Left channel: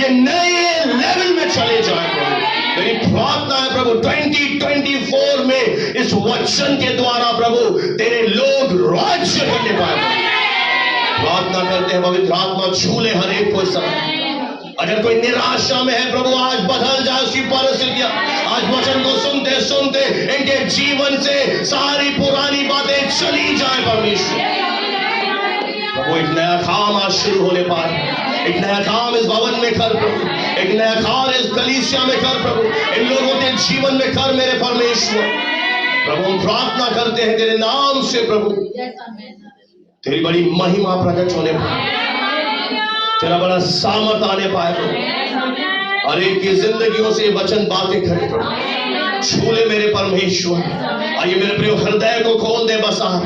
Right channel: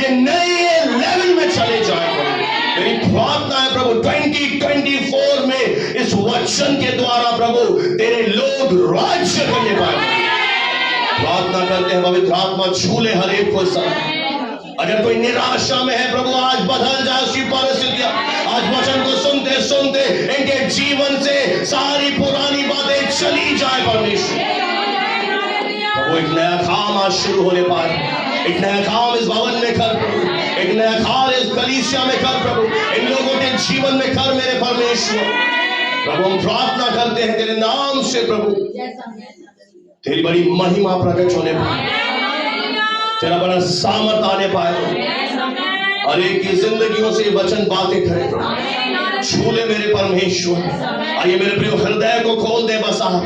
ये नए लेवल में चले जाए प्रभु। मेरी प्रार्थना है प्रभु 2024 में इस वचन के द्वारा प्रभु तेरे लोग राज्य करने पाए। प्रार्थना करते हैं पवित्र आत्मा छूले हर एक को समय। अगर कोई निराशा में है प्रभु आज बदल जाए उसकी परिस्थितियां। आज वचन को सुनते सुनते इनके जीवन से सारी पुरानी बातें चली जाए परमेश्वर। प्रभु एक नया काम आज शुरू होने पाए। एक नया काम इस भवन में कर प्रभु। एक नया काम इस कलीसिया में कर प्रभु। इन लोगों के जीवन में कर मेरे परमेश्वर। प्रभु हम प्रार्थना करते हैं तेरे नाम से प्रभु तेरी बड़ी महिमा प्रकट होने पाए, तेरा बड़ा सामर्थ आने पाए प्रभु। और एक की जिंदगियों से वचन बातें करे प्रभु। छूले मेरे परमेश्वर। आइए मेरे प्रिय हृदय को खोल दे बस आप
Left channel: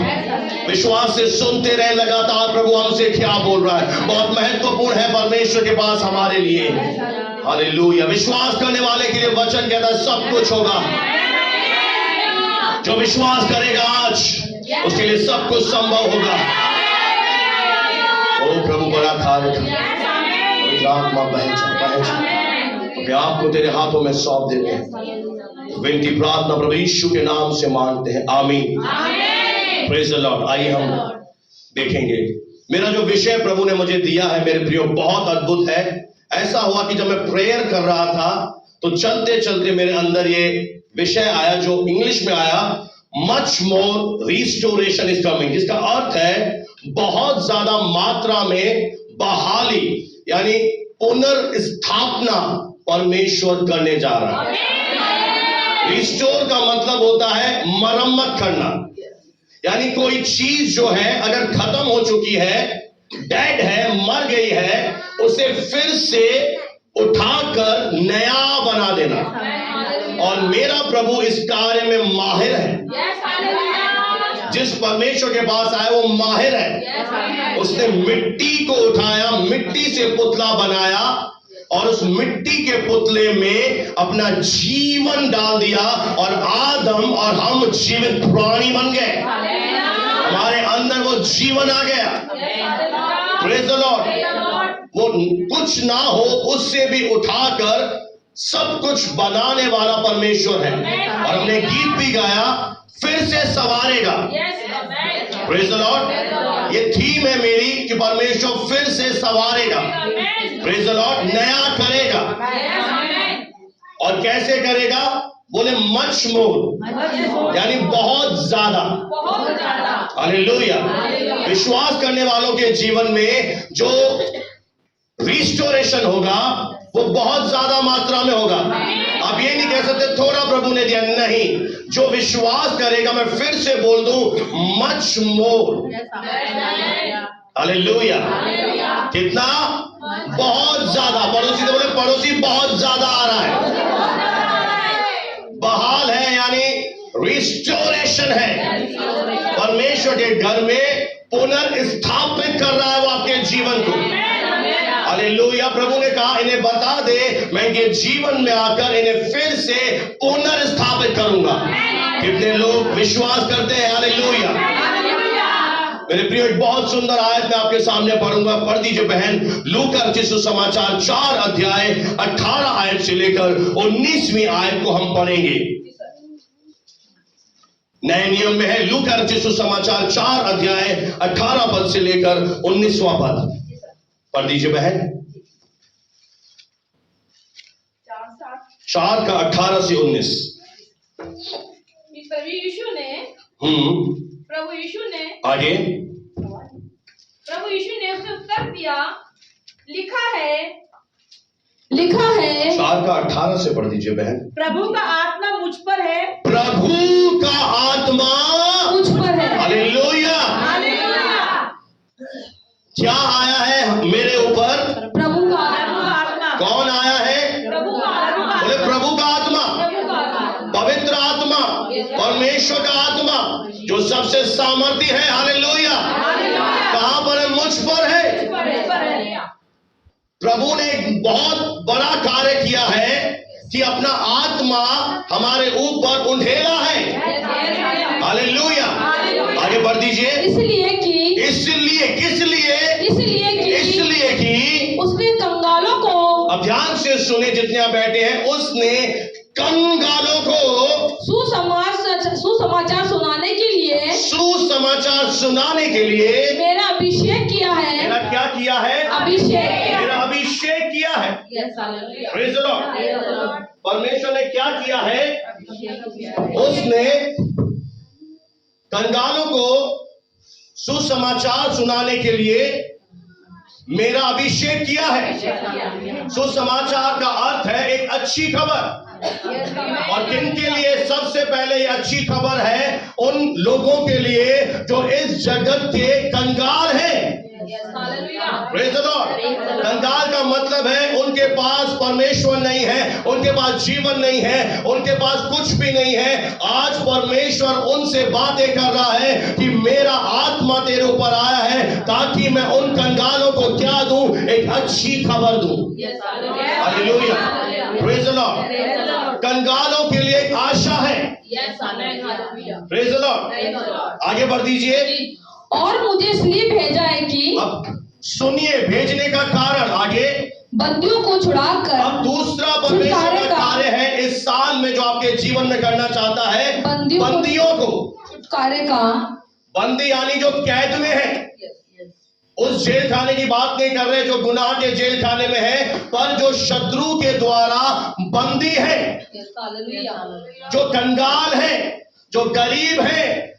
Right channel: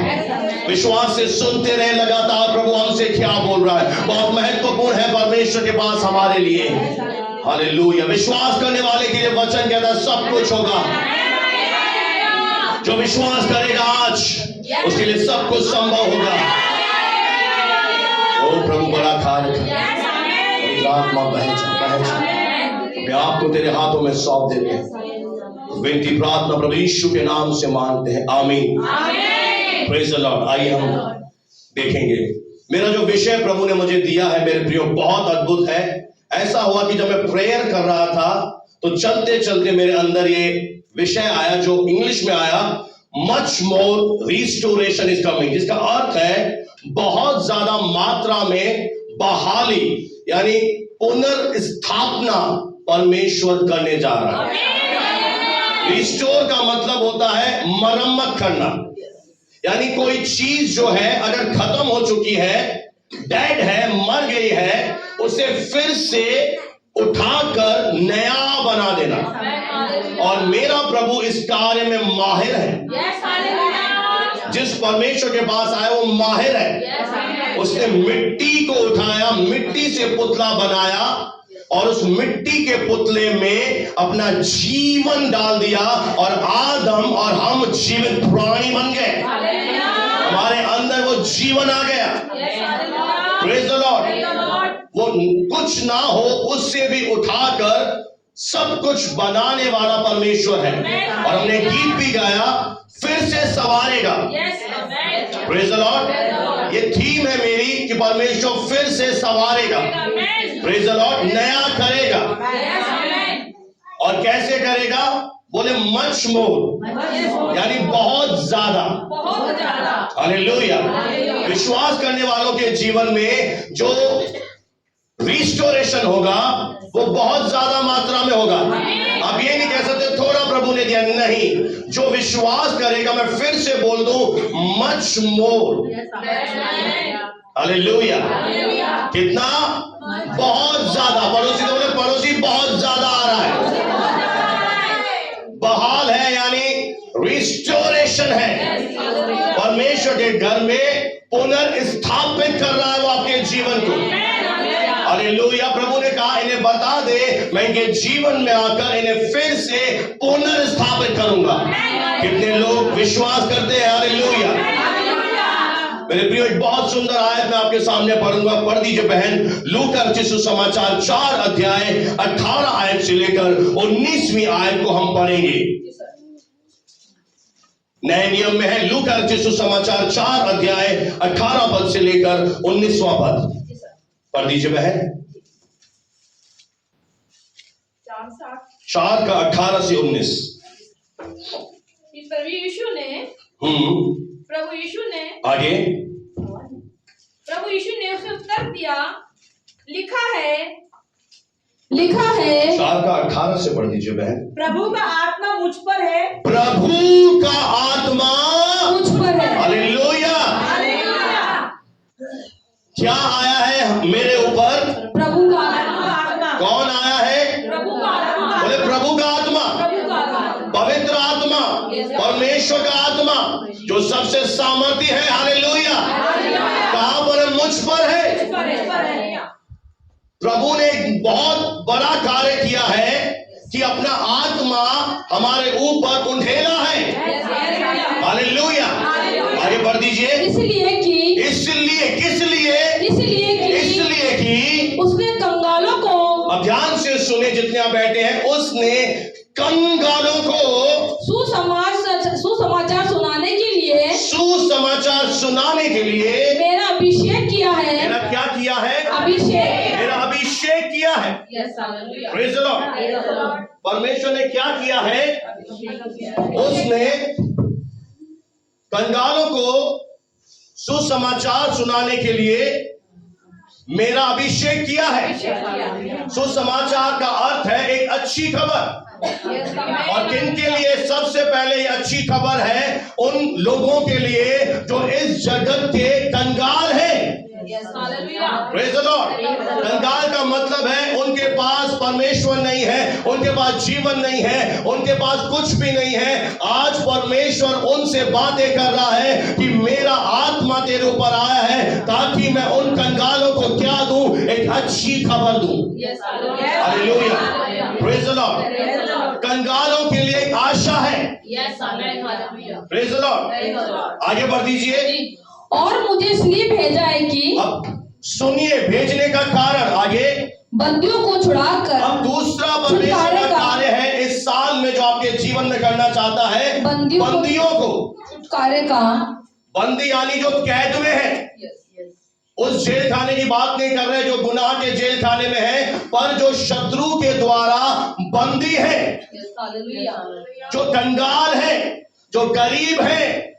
विश्वास से सुनते रहे लगातार प्रभु हमसे क्या बोल रहा है। बहुत महत्वपूर्ण है परमेश्वर के पास हमारे लिए। हालेलुया। विश्वास करने वाले के लिए वचन कहता है सब कुछ होगा। जो विश्वास करेगा आज उसके लिए सब कुछ संभव होगा। ओ प्रभु बड़ा कार्य कर। आत्मा बहन आपको तेरे हाथों में सौंप देते हैं। विनती प्रार्थना प्रभु यीशु के नाम से मांगते हैं, आमीन। Praise the Lord. आइए हम देखेंगे मेरा जो विषय प्रभु ने मुझे दिया है मेरे प्रियो बहुत अद्भुत है। ऐसा हुआ कि जब मैं प्रेयर कर रहा था तो चलते चलते मेरे अंदर ये विषय आया जो इंग्लिश में आया, much more restoration is coming, जिसका अर्थ है बहुत ज्यादा मात्रा में बहाली यानी पुनर्स्थापना परमेश्वर करने जा रहा है। रिस्टोर का मतलब होता है मरम्मत करना, यानी कोई चीज जो है अगर खत्म हो चुकी है, डेड है, मर गई है, उसे फिर से उठाकर नया बना देना। और मेरा प्रभु इस कार्य में माहिर है। जिस परमेश्वर के पास आया वो माहिर है। उसने मिट्टी को उठाया, मिट्टी से पुतला बनाया और उस मिट्टी के पुतले में अपना जीवन डाल दिया और आदम और हम जीवित प्राणी बन गए। हमारे अंदर वो जीवन आ गया। Praise the Lord. वो कुछ ना हो उससे भी उठाकर सब कुछ बनाने वाला परमेश्वर है। और हमने गीत भी गाया, फिर से संवारेगा। Praise the lord. ये थीम है मेरी कि परमेश्वर फिर से संवारेगा। Praise the Lord. नया करेगा। और कैसे करेगा? बोले मच मोर, यानी बहुत ज्यादा। हालेलुया। विश्वास करने वालों के जीवन में जो रिस्टोरेशन होगा वो बहुत ज्यादा मात्रा में होगा। आप ये नहीं कह सकते थोड़ा प्रभु ने दिया, नहीं। जो विश्वास करेगा, मैं फिर से बोल दूं, मच मोर। हालेलुया। कितना? बहुत ज्यादा। पड़ोसी को बोले पड़ोसी बहुत ज्यादा आ रहा है। बहाल है यानी रिस्टोरेशन है। परमेश्वर के घर में पुनर्स्थापित कर रहा है वो आपके जीवन को। हालेलुया। प्रभु ने कहा इन्हें बता दे मैं इनके जीवन में आकर इन्हें फिर से पुनर्स्थापित करूंगा। कितने लोग विश्वास करते हैं? हालेलुया। मेरे प्रियो एक बहुत सुंदर आयत मैं आपके सामने पढ़ूंगा। पढ़ दीजिए बहन, लूका रचित सुसमाचार 4 अध्याय 18 आयत से लेकर 19वीं आयत को हम पढ़ेंगे। नए नियम में है लूका रचित सुसमाचार 4 अध्याय 18 पद से लेकर 19वां पद। पढ़ दीजिए बहन। 4 का 18 से 19। प्रभु यीशु ने आगे प्रभु यीशु ने उसे उत्तर दिया, लिखा है 4 का 18 से पढ़ दीजिए बहन। प्रभु का आत्मा मुझ पर है। प्रभु का आत्मा मुझ पर है। हालेलुया। क्या आया है मेरे ऊपर? प्रभु का आत्मा। कौन आया है? प्रभु का आत्मा। बोले प्रभु का आत्मा, पवित्र आत्मा, परमेश्वर का आत्मा जो सबसे सामर्थी है। हालेलुया। कहां पर है? मुझ पर है। प्रभु ने एक बहुत बड़ा कार्य किया है कि अपना आत्मा हमारे ऊपर उंडेला है। हालेलुया। आगे बढ़ दीजिए। इसलिए किस लिए? इसलिए कि उसने कंगालों को अब ध्यान से सुने जितने आप बैठे हैं, उसने कंगालों को सुसमाचार सुनाने के लिए सुसमाचार सुनाने के लिए मेरा अभिषेक किया है। मेरा क्या किया है? अभिषेक। मेरा अभिषेक किया है। Praise the Lord। परमेश्वर ने क्या किया है? उसने कंगालों को सुसमाचार सुनाने के लिए मेरा अभिषेक किया है। सुसमाचार का अर्थ है एक अच्छी खबर। और किन के लिए? सबसे पहले ये अच्छी खबर है उन लोगों के लिए जो इस जगत के कंगाल हैं। Praise the Lord। कंगाल का मतलब है उनके पास परमेश्वर नहीं है, उनके पास जीवन नहीं है, उनके पास कुछ भी नहीं है। आज परमेश्वर उनसे बातें कर रहा है कि मेरा आत्मा तेरे ऊपर आया है ताकि मैं उन कंगालों को क्या दूं? एक अच्छी खबर दूं। हालेलुया। Praise the Lord। कंगालों के लिए एक आशा है। Praise the Lord। आगे बढ़ दीजिए। और मुझे इसलिए भेजा है कि अब सुनिए भेजने का कारण आगे। बंदियों को छुड़ाकर। अब दूसरा परमेश्वर का कार्य है इस साल में जो आपके जीवन में करना चाहता है, बंदियों को छुटकारे का। बंदी यानी जो कैद में है। उस जेल खाने की बात नहीं कर रहे जो गुनाह के जेल खाने में है, पर जो शत्रु के द्वारा बंदी है, जो कंगाल है, जो गरीब है,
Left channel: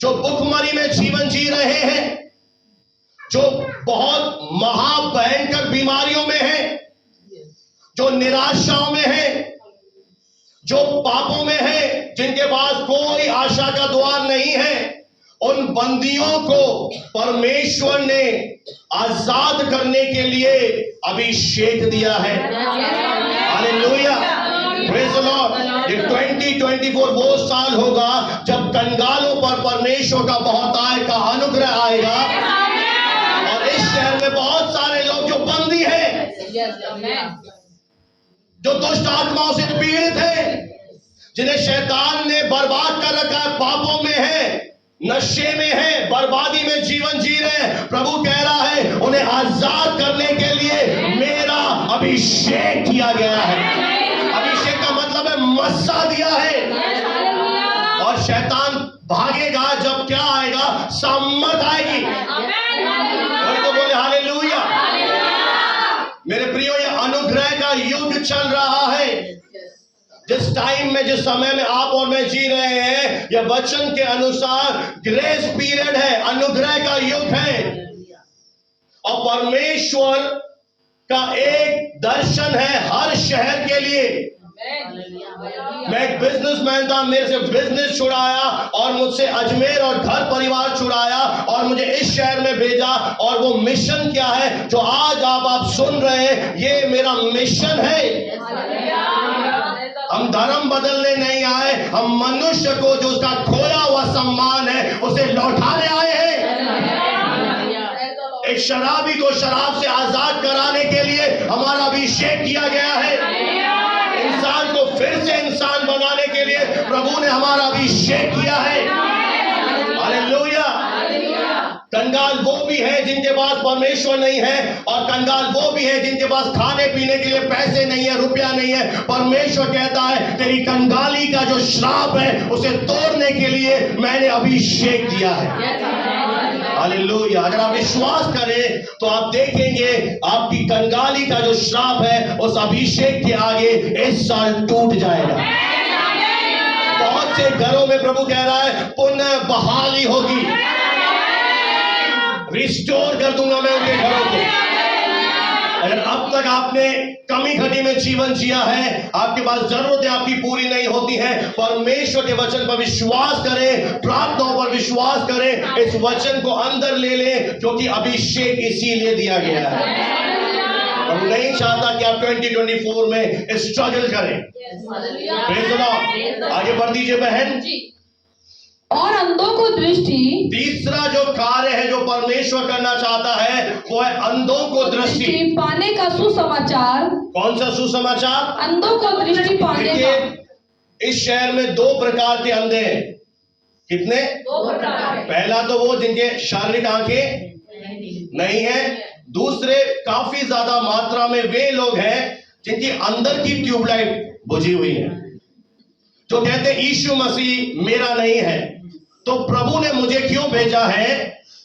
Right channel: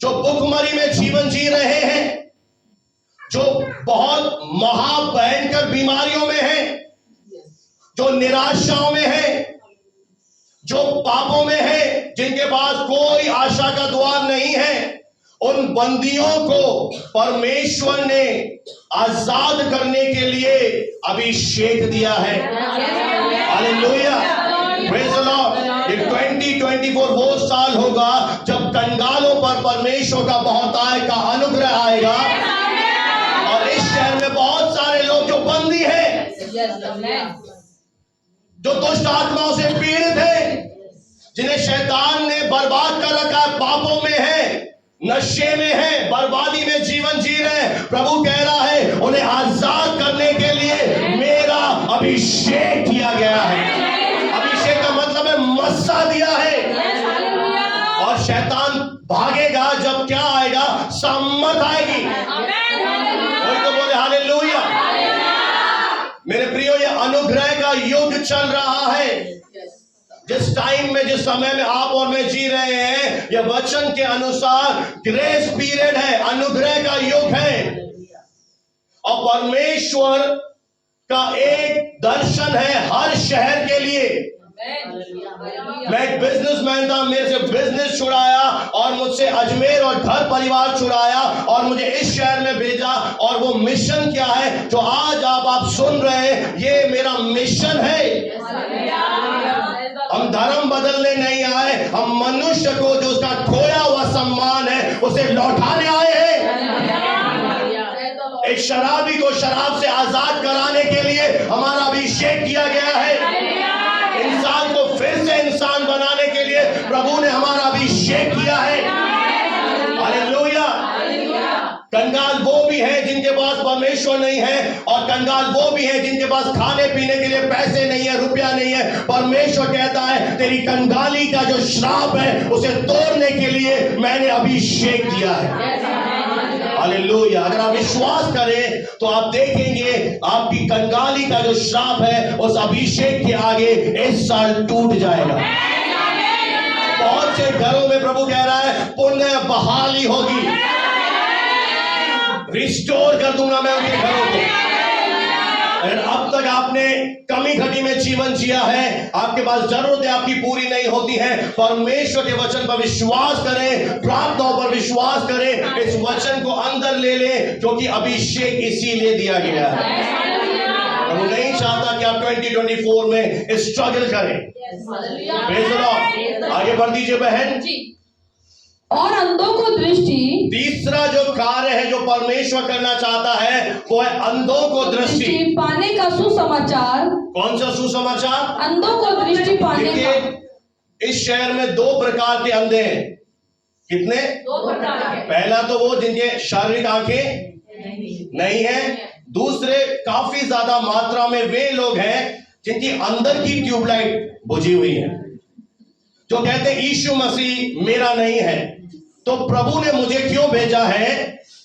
जो भुखमरी में जीवन जी रहे हैं, जो बहुत महाभयंकर बीमारियों में है, जो निराशाओं में है, जो पापों में है, जिनके पास कोई आशा का द्वार नहीं है, उन बंदियों को परमेश्वर ने आजाद करने के लिए अभिषेक दिया है। हालेलुया। Praise the lord. ये 2024 वो साल होगा जब कंगालों पर परमेश्वर का बहुतायत का अनुग्रह आएगा और इस शहर में बहुत सारे लोग जो बंदी हैं, जो दुष्ट आत्माओं से पीड़ित हैं, जिन्हें शैतान ने बर्बाद कर रखा है, पापों में है, नशे में है, बर्बादी में जीवन जी रहे हैं, प्रभु कह रहा है उन्हें आजाद करने के लिए मेरा अभिषेक किया गया है। अभिषेक का मतलब है मस्सा दिया है। और शैतान भागेगा जब क्या आएगा? सामर्थ आएगी। कोई तो बोले हालेलुया। मेरे प्रियो, ये अनुग्रह का युग चल रहा है। जिस टाइम में, जिस समय में आप और मैं जी रहे हैं, यह वचन के अनुसार ग्रेस पीरियड है, अनुग्रह का युग है। और परमेश्वर का एक दर्शन है हर शहर के लिए। मैं एक बिजनेसमैन था, मेरे से बिजनेस छुड़ाया और मुझसे अजमेर और घर परिवार छुड़ाया और मुझे इस शहर में भेजा। और वो मिशन क्या है जो आज आप सुन रहे हैं, ये मेरा मिशन है। हम धर्म बदलने नहीं आए, हम मनुष्य को जो उसका खोया हुआ सम्मान है उसे लौटाने आए हैं। एक शराबी को शराब से आजाद कराने के लिए हमारा अभिषेक किया गया है। इंसान को फिर से इंसान बनाने के लिए प्रभु ने हमारा अभिषेक किया है। हालेलुया। कंगाल वो भी है जिनके पास परमेश्वर नहीं है, और कंगाल वो भी है जिनके पास खाने पीने के लिए पैसे नहीं है, रुपया नहीं है। परमेश्वर कहता है तेरी कंगाली का जो श्राप है उसे तोड़ने के लिए मैंने अभिषेक दिया है। हालेलुया। अगर आप विश्वास करें तो आप देखेंगे आपकी कंगाली का जो श्राप है उस अभिषेक के आगे इस साल टूट जाएगा। बहुत से घरों में प्रभु कह रहा है पुनः बहाली होगी, रिस्टोर कर दूंगा मैं उनके घरों को। अगर अब तक आपने कमी घटी में जीवन जिया है, आपके पास जरूरतें आपकी पूरी नहीं होती हैं, परमेश्वर के वचन पर विश्वास करें, प्रार्थनाओं पर विश्वास करें, इस वचन को अंदर ले लें, क्योंकि अभिषेक इसीलिए दिया गया है। प्रभु नहीं चाहता कि आप 2024 में स्ट्रगल करें। Praise the Lord. आगे बढ़ दीजिए बहन। और अंधों को दृष्टि। तीसरा जो कार्य है जो परमेश्वर करना चाहता है वो है अंधों को दृष्टि पाने का सुसमाचार। कौन सा सुसमाचार? अंधों को दृष्टि पाने का। इस शहर में दो प्रकार के अंधे हैं। कितने? दो प्रकार के। पहला तो वो जिनके शारीरिक आंखें नहीं है। दूसरे काफी ज्यादा मात्रा में वे लोग हैं जिनकी अंदर की ट्यूबलाइट बुझी हुई है, जो कहते हैं यीशु मसीह मेरा नहीं है, तो प्रभु ने मुझे क्यों भेजा है?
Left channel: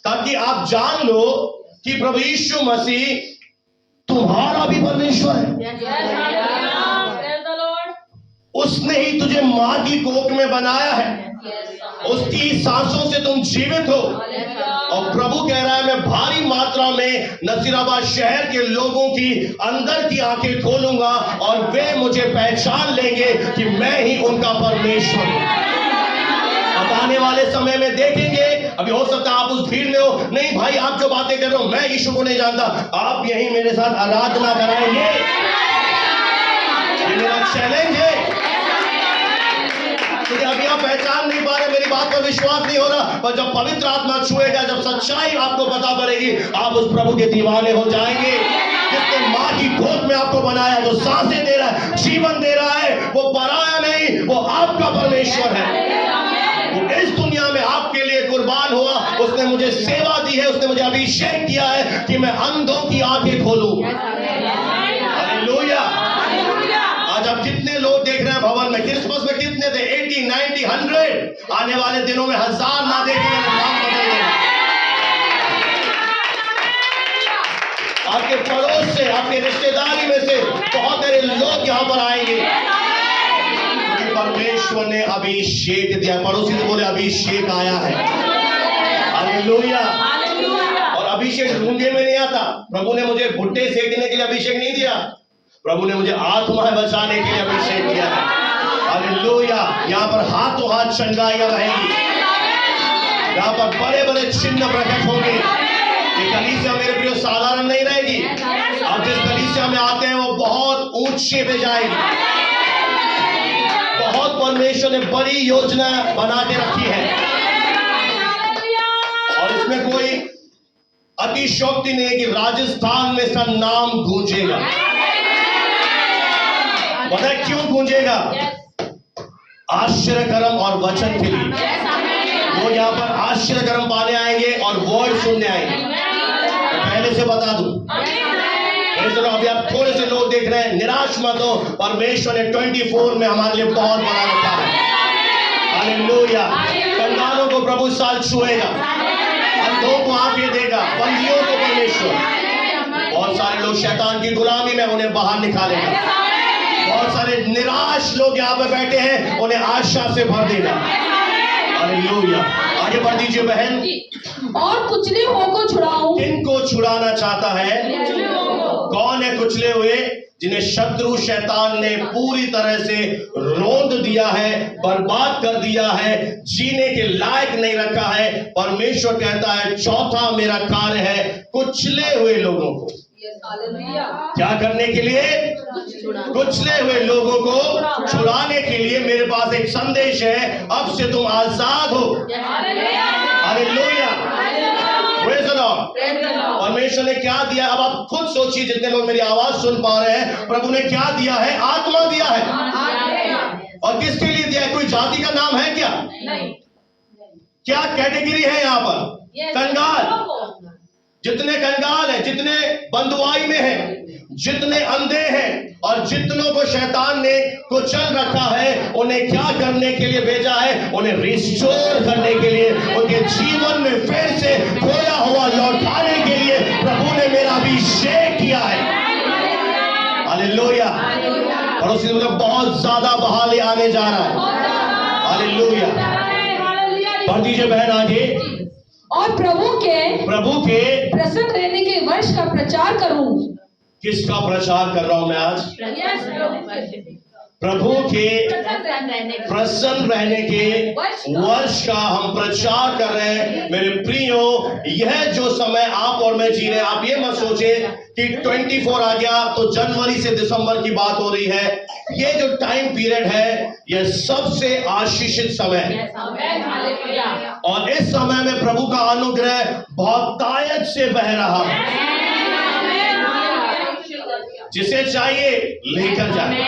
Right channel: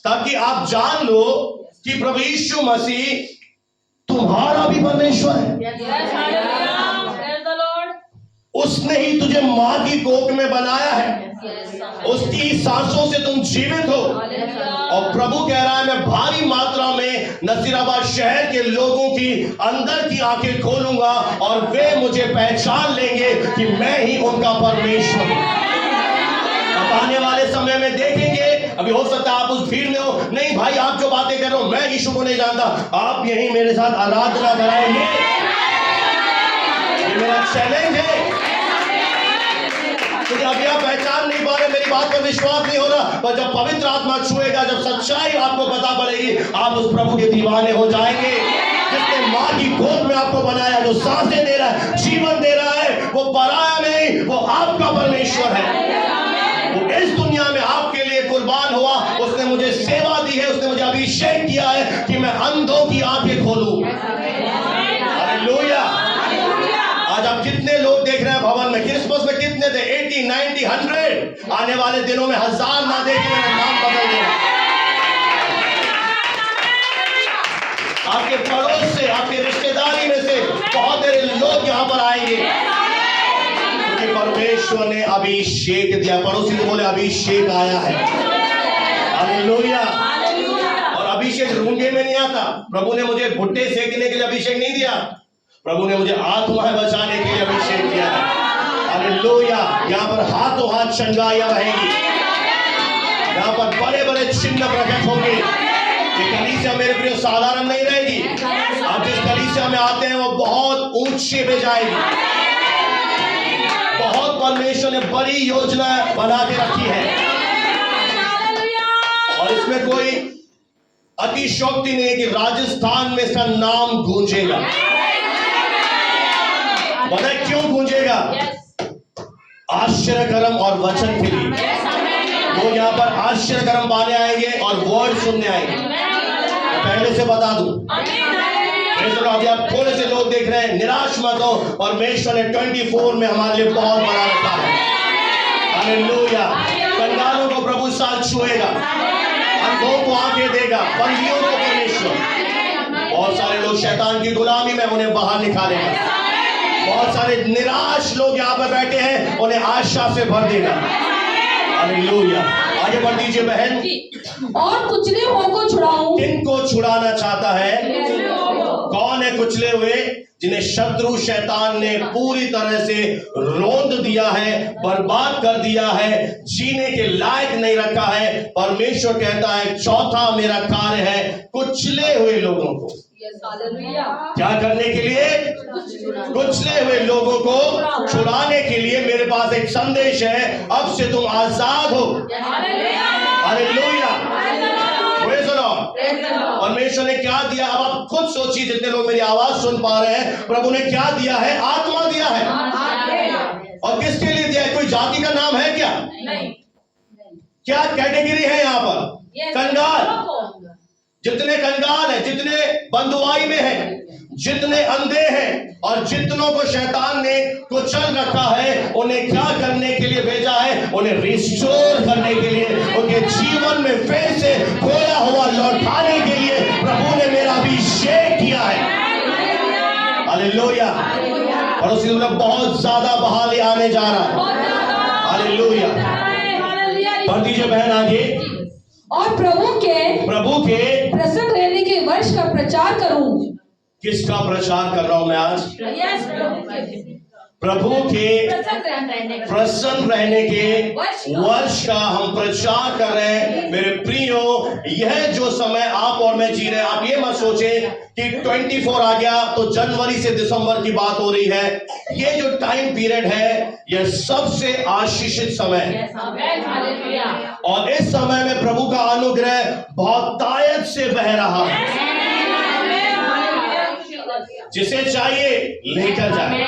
ताकि आप जान लो कि प्रभु यीशु मसीह तुम्हारा भी परमेश्वर है। उसने ही तुझे मां की कोख में बनाया है, उसकी सांसों से तुम जीवित हो। और प्रभु कह रहा है, मैं भारी मात्रा में नसीराबाद शहर के लोगों की अंदर की आंखें खोलूंगा और वे मुझे पहचान लेंगे कि मैं ही उनका परमेश्वर हूं। आने वाले समय में देखेंगे, अभी हो सकता है आप उस भीड़ में हो, नहीं भाई आप जो बातें कर रहे हो मैं यीशु को नहीं जानता, आप यहीं मेरे साथ आराधना कराएंगे, ये मेरा चैलेंज है। क्योंकि अभी आप पहचान नहीं पा रहे, मेरी बात पर विश्वास नहीं हो रहा, पर जब पवित्र आत्मा छुएगा, जब सच्चाई आपको पता पड़ेगी, आप उस प्रभु के दीवाने हो जाएंगे जिसने मां की गोद में आपको बनाया, जो सांसें दे रहा है, जीवन दे रहा है, वो पराया नहीं, वो आपका परमेश्वर है। वो इस दुनिया में आपके लिए कुर्बान हुआ, उसने मुझे सेवा दी है, उसने मुझे अभिषेक किया है कि मैं अंधों की आंखें खोलूं। हालेलुया। आज आप जितने लोग देख रहे हैं भवन में, क्रिसमस में कितने थे? 80, 90, 100। आने वाले दिनों में 1000 ना देखेंगे, नाम बदल देना। आपके पड़ोस से, आपके रिश्तेदारी में से बहुत सारे लोग यहां पर आएंगे, क्योंकि परमेश्वर ने अभिषेक दिया। पड़ोसी से बोले अभिषेक आया है। हालेलुया। और अभिषेक रूंगे में नहीं आता। प्रभु ने मुझे भुट्टे सेकने के लिए अभिषेक नहीं दिया, प्रभु ने मुझे आत्मा बचाने के लिए अभिषेक किया है। हालेलुया। यहाँ पर हाथों हाथ चंगाइयां रहेंगी, यहाँ पर बड़े बड़े चिन्ह प्रकट होंगे। ये कलीसिया मेरे प्रिय साधारण नहीं रहेगी। आप जिस कलीसिया में आते हैं वो बहुत ऊंचे पे जाएगी। बहुत परमेश्वर ने बड़ी योजना बना के रखी है, और इसमें कोई अतिशयोक्ति नहीं है कि राजस्थान में इसका नाम गूंजेगा। पता है क्यों गूंजेगा? आश्चर्यकर्म और वचन के लिए। लोग यहाँ पर आश्चर्यकर्म पाने आएंगे और वर्ड सुनने आएंगे। मैं पहले से बता दूं, अभी आप थोड़े से लोग देख रहे हैं, निराश मत हो। परमेश्वर ने 24 में हमारे लिए बहुत बना रखा है। हालेलुया। कंगालों को प्रभु इस साल छुएगा, अंधों को आंखें देगा, बंदियों को परमेश्वर। बहुत सारे लोग शैतान की गुलामी में, उन्हें बाहर निकालेगा। बहुत सारे निराश लोग यहाँ पर बैठे हैं, उन्हें आशा से भर देगा। हालेलुया। आगे बढ़ दीजिए बहन। और कुचले हुओं को छुड़ाऊं। किनको छुड़ाना चाहता है? कौन है कुचले हुए? जिन्हें शत्रु शैतान ने पूरी तरह से रोंद दिया है, बर्बाद कर दिया है, जीने के लायक नहीं रखा है। परमेश्वर कहता है चौथा मेरा कार्य है कुचले हुए लोगों को क्या करने के लिए? कुचले हुए लोगों को छुड़ाने के लिए मेरे पास एक संदेश है। अब से तुम आजाद हो। हालेलुया। Praise the Lord. परमेश्वर ने क्या दिया? अब आप खुद सोचिए, जितने लोग मेरी आवाज सुन पा रहे हैं, प्रभु ने क्या दिया है? आत्मा दिया है। और किसके लिए दिया है? कोई जाति का नाम है क्या? नहीं। क्या कैटेगरी है यहाँ पर? कंगाल। जितने कंगाल हैं, जितने बंधुआई में हैं, जितने अंधे हैं, और जितनों को शैतान ने कुचल रखा है, उन्हें क्या करने के लिए भेजा है? उन्हें रिस्टोर करने के लिए, उनके जीवन में फिर से खोया हुआ लौटाने के लिए प्रभु ने मेरा अभिषेक किया है। हालेलुया। पड़ोसी में बहुत ज्यादा बहाली आने जा रहा है। हालेलुया। पढ़ दीजिए बहन आगे। और प्रभु के प्रसन्न रहने के वर्ष का प्रचार करूं। किसका प्रचार कर रहा हूं मैं आज? प्रभु के प्रसन्न रहने के वर्ष का हम प्रचार कर रहे हैं। मेरे प्रियो, यह जो समय आप और मैं जी रहे हैं, आप ये मत सोचे कि 24 आ गया तो जनवरी से दिसंबर की बात हो रही है। ये जो टाइम पीरियड है, यह सबसे आशीषित समय है, और इस समय में प्रभु का अनुग्रह बहुत तायत से बह रहा है। जिसे चाहिए लेकर जाए,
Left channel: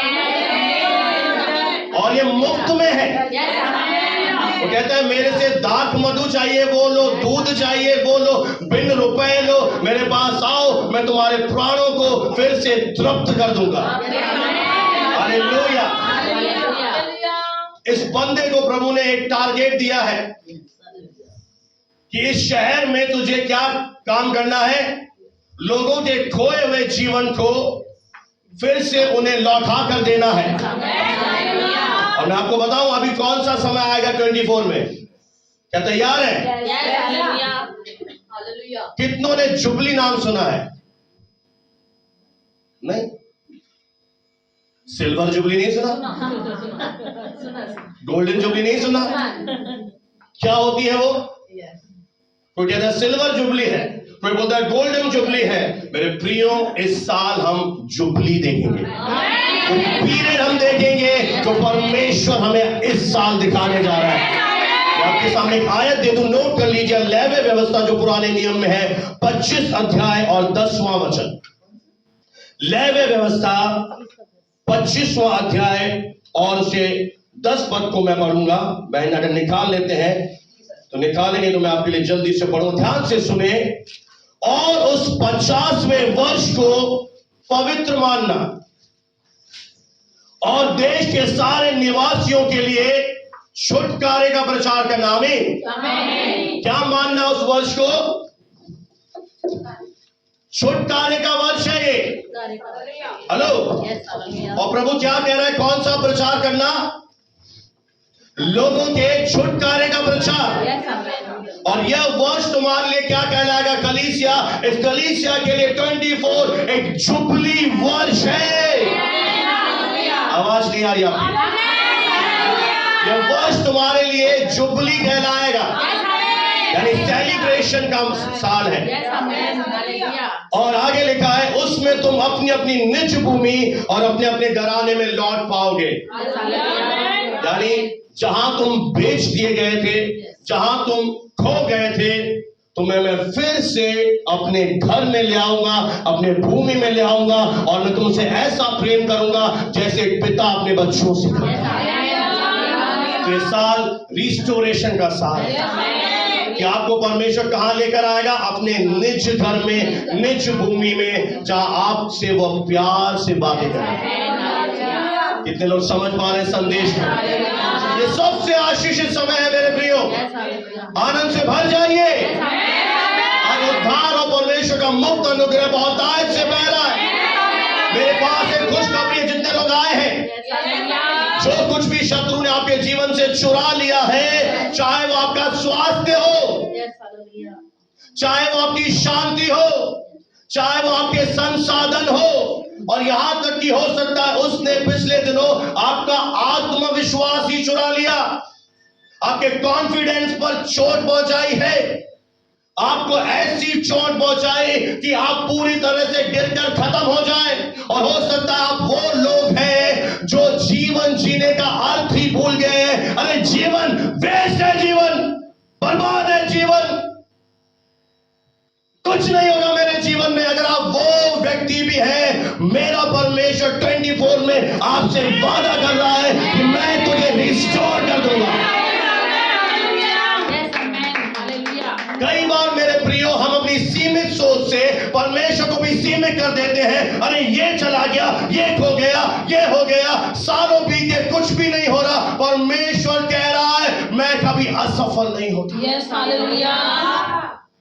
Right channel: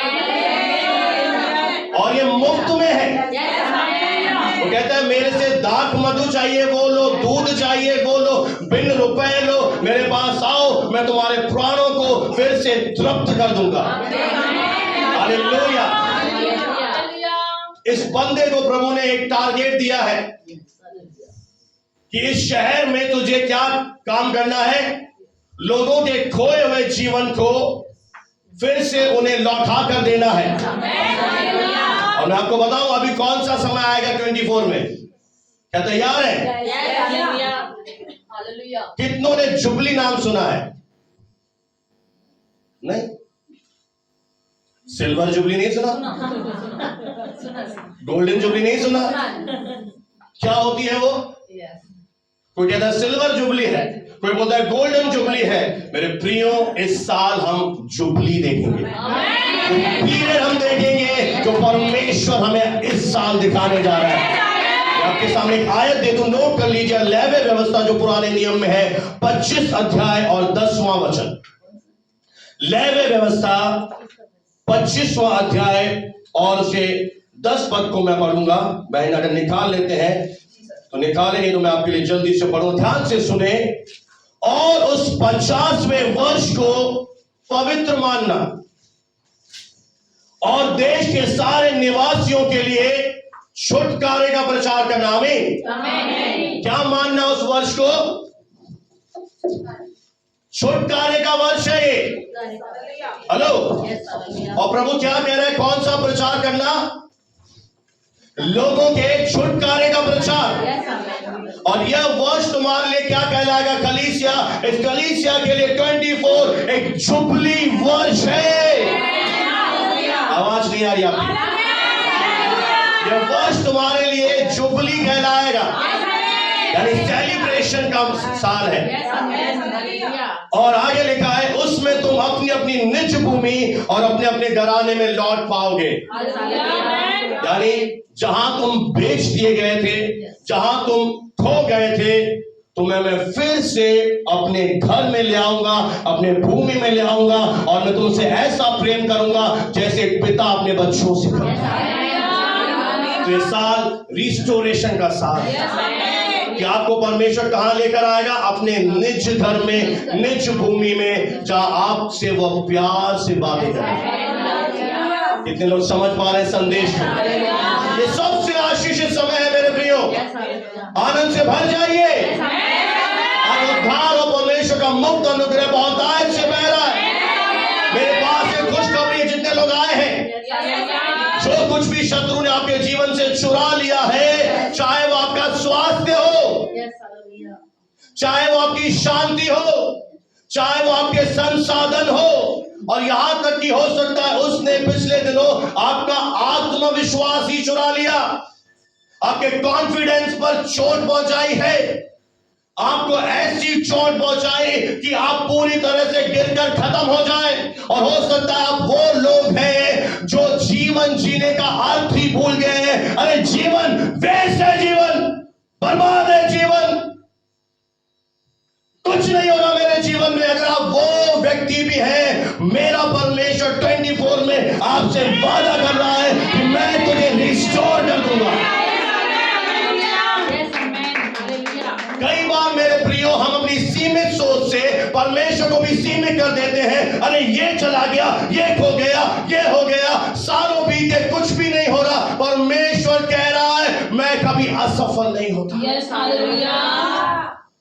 और ये मुफ्त में है। वो कहता है मेरे से दाख मधु चाहिए वो लो, दूध चाहिए वो लो, बिन रुपए लो, मेरे पास आओ, मैं तुम्हारे प्राणों को फिर से तृप्त कर दूंगा। हालेलुया। इस बंदे को प्रभु ने एक टारगेट दिया है कि इस शहर में तुझे क्या काम करना है, लोगों के खोए हुए जीवन को फिर से उन्हें लौटा कर देना है। और मैं आपको बताऊं अभी कौन सा समय आएगा 24 में, क्या तैयार है? कितनों ने जुबली नाम सुना है? नहीं, सिल्वर जुबली नहीं सुना, गोल्डन जुबली नहीं सुना। क्या होती है वो? कोई कहता है सिल्वर जुबली है, कोई बोलता है गोल्डन जुबली है। मेरे प्रियो, इस साल हम जुबली देखेंगे, पीरियड हम देखेंगे तो परमेश्वर हमें इस साल दिखाने जा रहा है। मैं आपके सामने एक आयत दे दूं, नोट कर लीजिए। लेवी व्यवस्था जो पुराने नियम में है, 25 अध्याय और 10वां वचन। लेवी व्यवस्था 25वां अध्याय और उसे 10 पद को मैं पढ़ूंगा। बहन अगर निकाल लेते हैं तो निकालेंगे, तो मैं आपके लिए जल्दी से पढ़ूं, ध्यान से सुने। और उस 50वें वर्ष को पवित्र मानना और देश के सारे निवासियों के लिए छुटकारे का प्रचार करना। आमीन। क्या मानना उस वर्ष को? छुटकारे का वर्ष है ये। हेलो। और प्रभु क्या कह रहा है? कौन सा प्रचार करना? लोगों के छुटकारे का प्रचार। और यह वर्ष तुम्हारे लिए क्या कहलाएगा? कलीसिया, इस कलीसिया के लिए 24 एक जुबली वर्ष है। आवाज नहीं आ रही आपकी? यह वर्ष तुम्हारे लिए जुबली कहलाएगा, यानी सेलिब्रेशन का साल है। और आगे लिखा है, उसमें तुम अपनी अपनी निज भूमि और अपने अपने घराने में लौट पाओगे। यानी जहां तुम बेच दिए गए थे, जहां तुम खो गए थे, तुम्हें मैं फिर से अपने घर में ले आऊंगा, अपने भूमि में ले आऊंगा, और मैं तुमसे ऐसा प्रेम करूंगा जैसे एक पिता अपने बच्चों से करता है। तो ये साल रिस्टोरेशन का साल है कि आपको परमेश्वर कहां लेकर आएगा? अपने निज घर में, निज भूमि में, जहां आपसे वो प्यार से बातें करें। कितने लोग समझ पा रहे हैं संदेश को? ये सबसे आशीषित समय है मेरे प्रियो। आनंद से भर जाइए। आज उद्धार और परमेश्वर का मुक्त अनुग्रह बहुत आयत से बह रहा है। मेरे पास एक खुशखबरी है, जितने लोग आए हैं, जो कुछ भी शत्रु ने आपके जीवन से चुरा लिया है, चाहे वो आपका स्वास्थ्य हो, चाहे वो आपकी शांति हो, चाहे वो आपके संसाधन हो, और यहां तक कि हो सकता है उसने पिछले दिनों आपका आत्मविश्वास ही चुरा लिया, आपके कॉन्फिडेंस पर चोट पहुंचाई है, आपको ऐसी चोट पहुंचाई कि आप पूरी तरह से गिरकर खत्म हो जाए। और हो सकता है आप वो लोग हैं जो जीवन जीने का अर्थ ही भूल गए हैं। अरे जीवन वेस्ट है, जीवन बर्बाद है, जीवन कुछ नहीं होगा मेरे जीवन में। अगर आप वो व्यक्ति भी हैं, मेरा परमेश्वर 24 में आपसे वादा कर रहा है कि मैं तुझे रिस्टोर कर दूंगा। कई बार मेरे प्रियो हम अपनी सीमित सोच से परमेश्वर को भी सीमित कर देते हैं। अरे ये चला गया, ये खो गया, ये हो गया, सालों बीते, कुछ भी नहीं हो रहा। परमेश्वर कह रहा है मैं कभी असफल नहीं होता।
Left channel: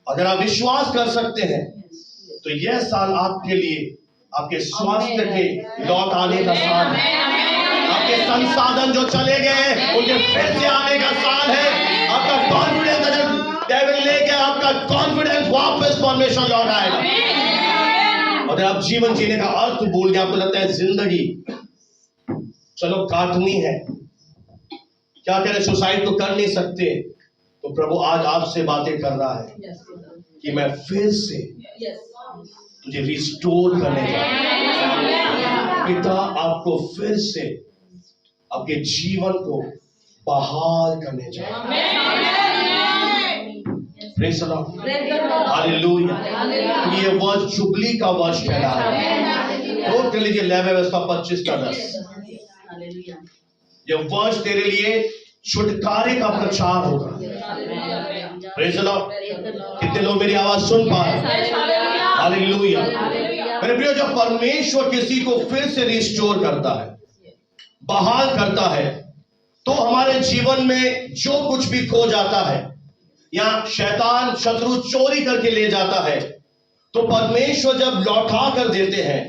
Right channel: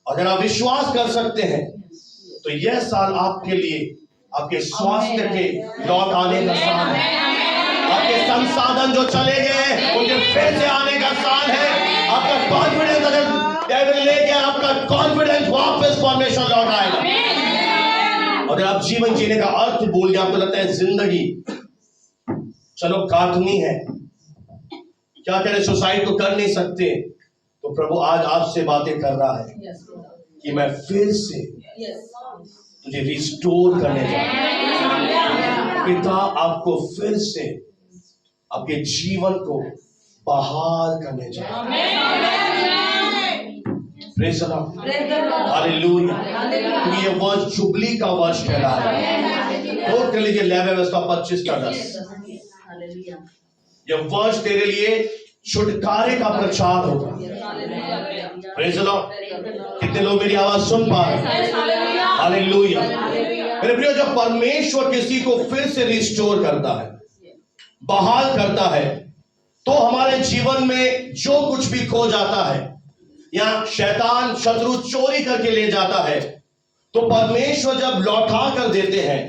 अगर आप विश्वास कर सकते हैं तो यह साल आपके लिए आपके स्वास्थ्य के लौट आने का साल है, आपके संसाधन जो चले गए उनके फिर से आने का साल है। आपका कॉन्फिडेंस, अगर डेविल ले गया आपका कॉन्फिडेंस, वापस परमेश्वर लौट आएगा। अगर आप जीवन जीने का अर्थ भूल गए, आपको लगता है जिंदगी चलो काटनी है, क्या करें, सुसाइड तो कर नहीं सकते, तो प्रभु आज आपसे बातें कर रहा है कि मैं फिर से तुझे रिस्टोर करने जा रहा हूं। पिता आपको फिर से आपके जीवन को बहाल करने जा रहा है। Praise the Lord, hallelujah. ये वर्ष जुबली का वर्ष कहला है। नोट कर लीजिए, लेवी व्यवस्था 25 का 10। यह वर्ष तेरे लिए छुटकारे का प्रचार होगा। Praise the Lord. कितने लोग मेरी आवाज सुन पा रहे हैं? हालेलुया। मेरे प्रियो, जब परमेश्वर किसी को फिर से रिस्टोर करता है, बहाल करता है, तो हमारे जीवन में जो कुछ भी खो जाता है या शैतान शत्रु चोरी करके ले जाता है, तो परमेश्वर जब लौटा कर देते हैं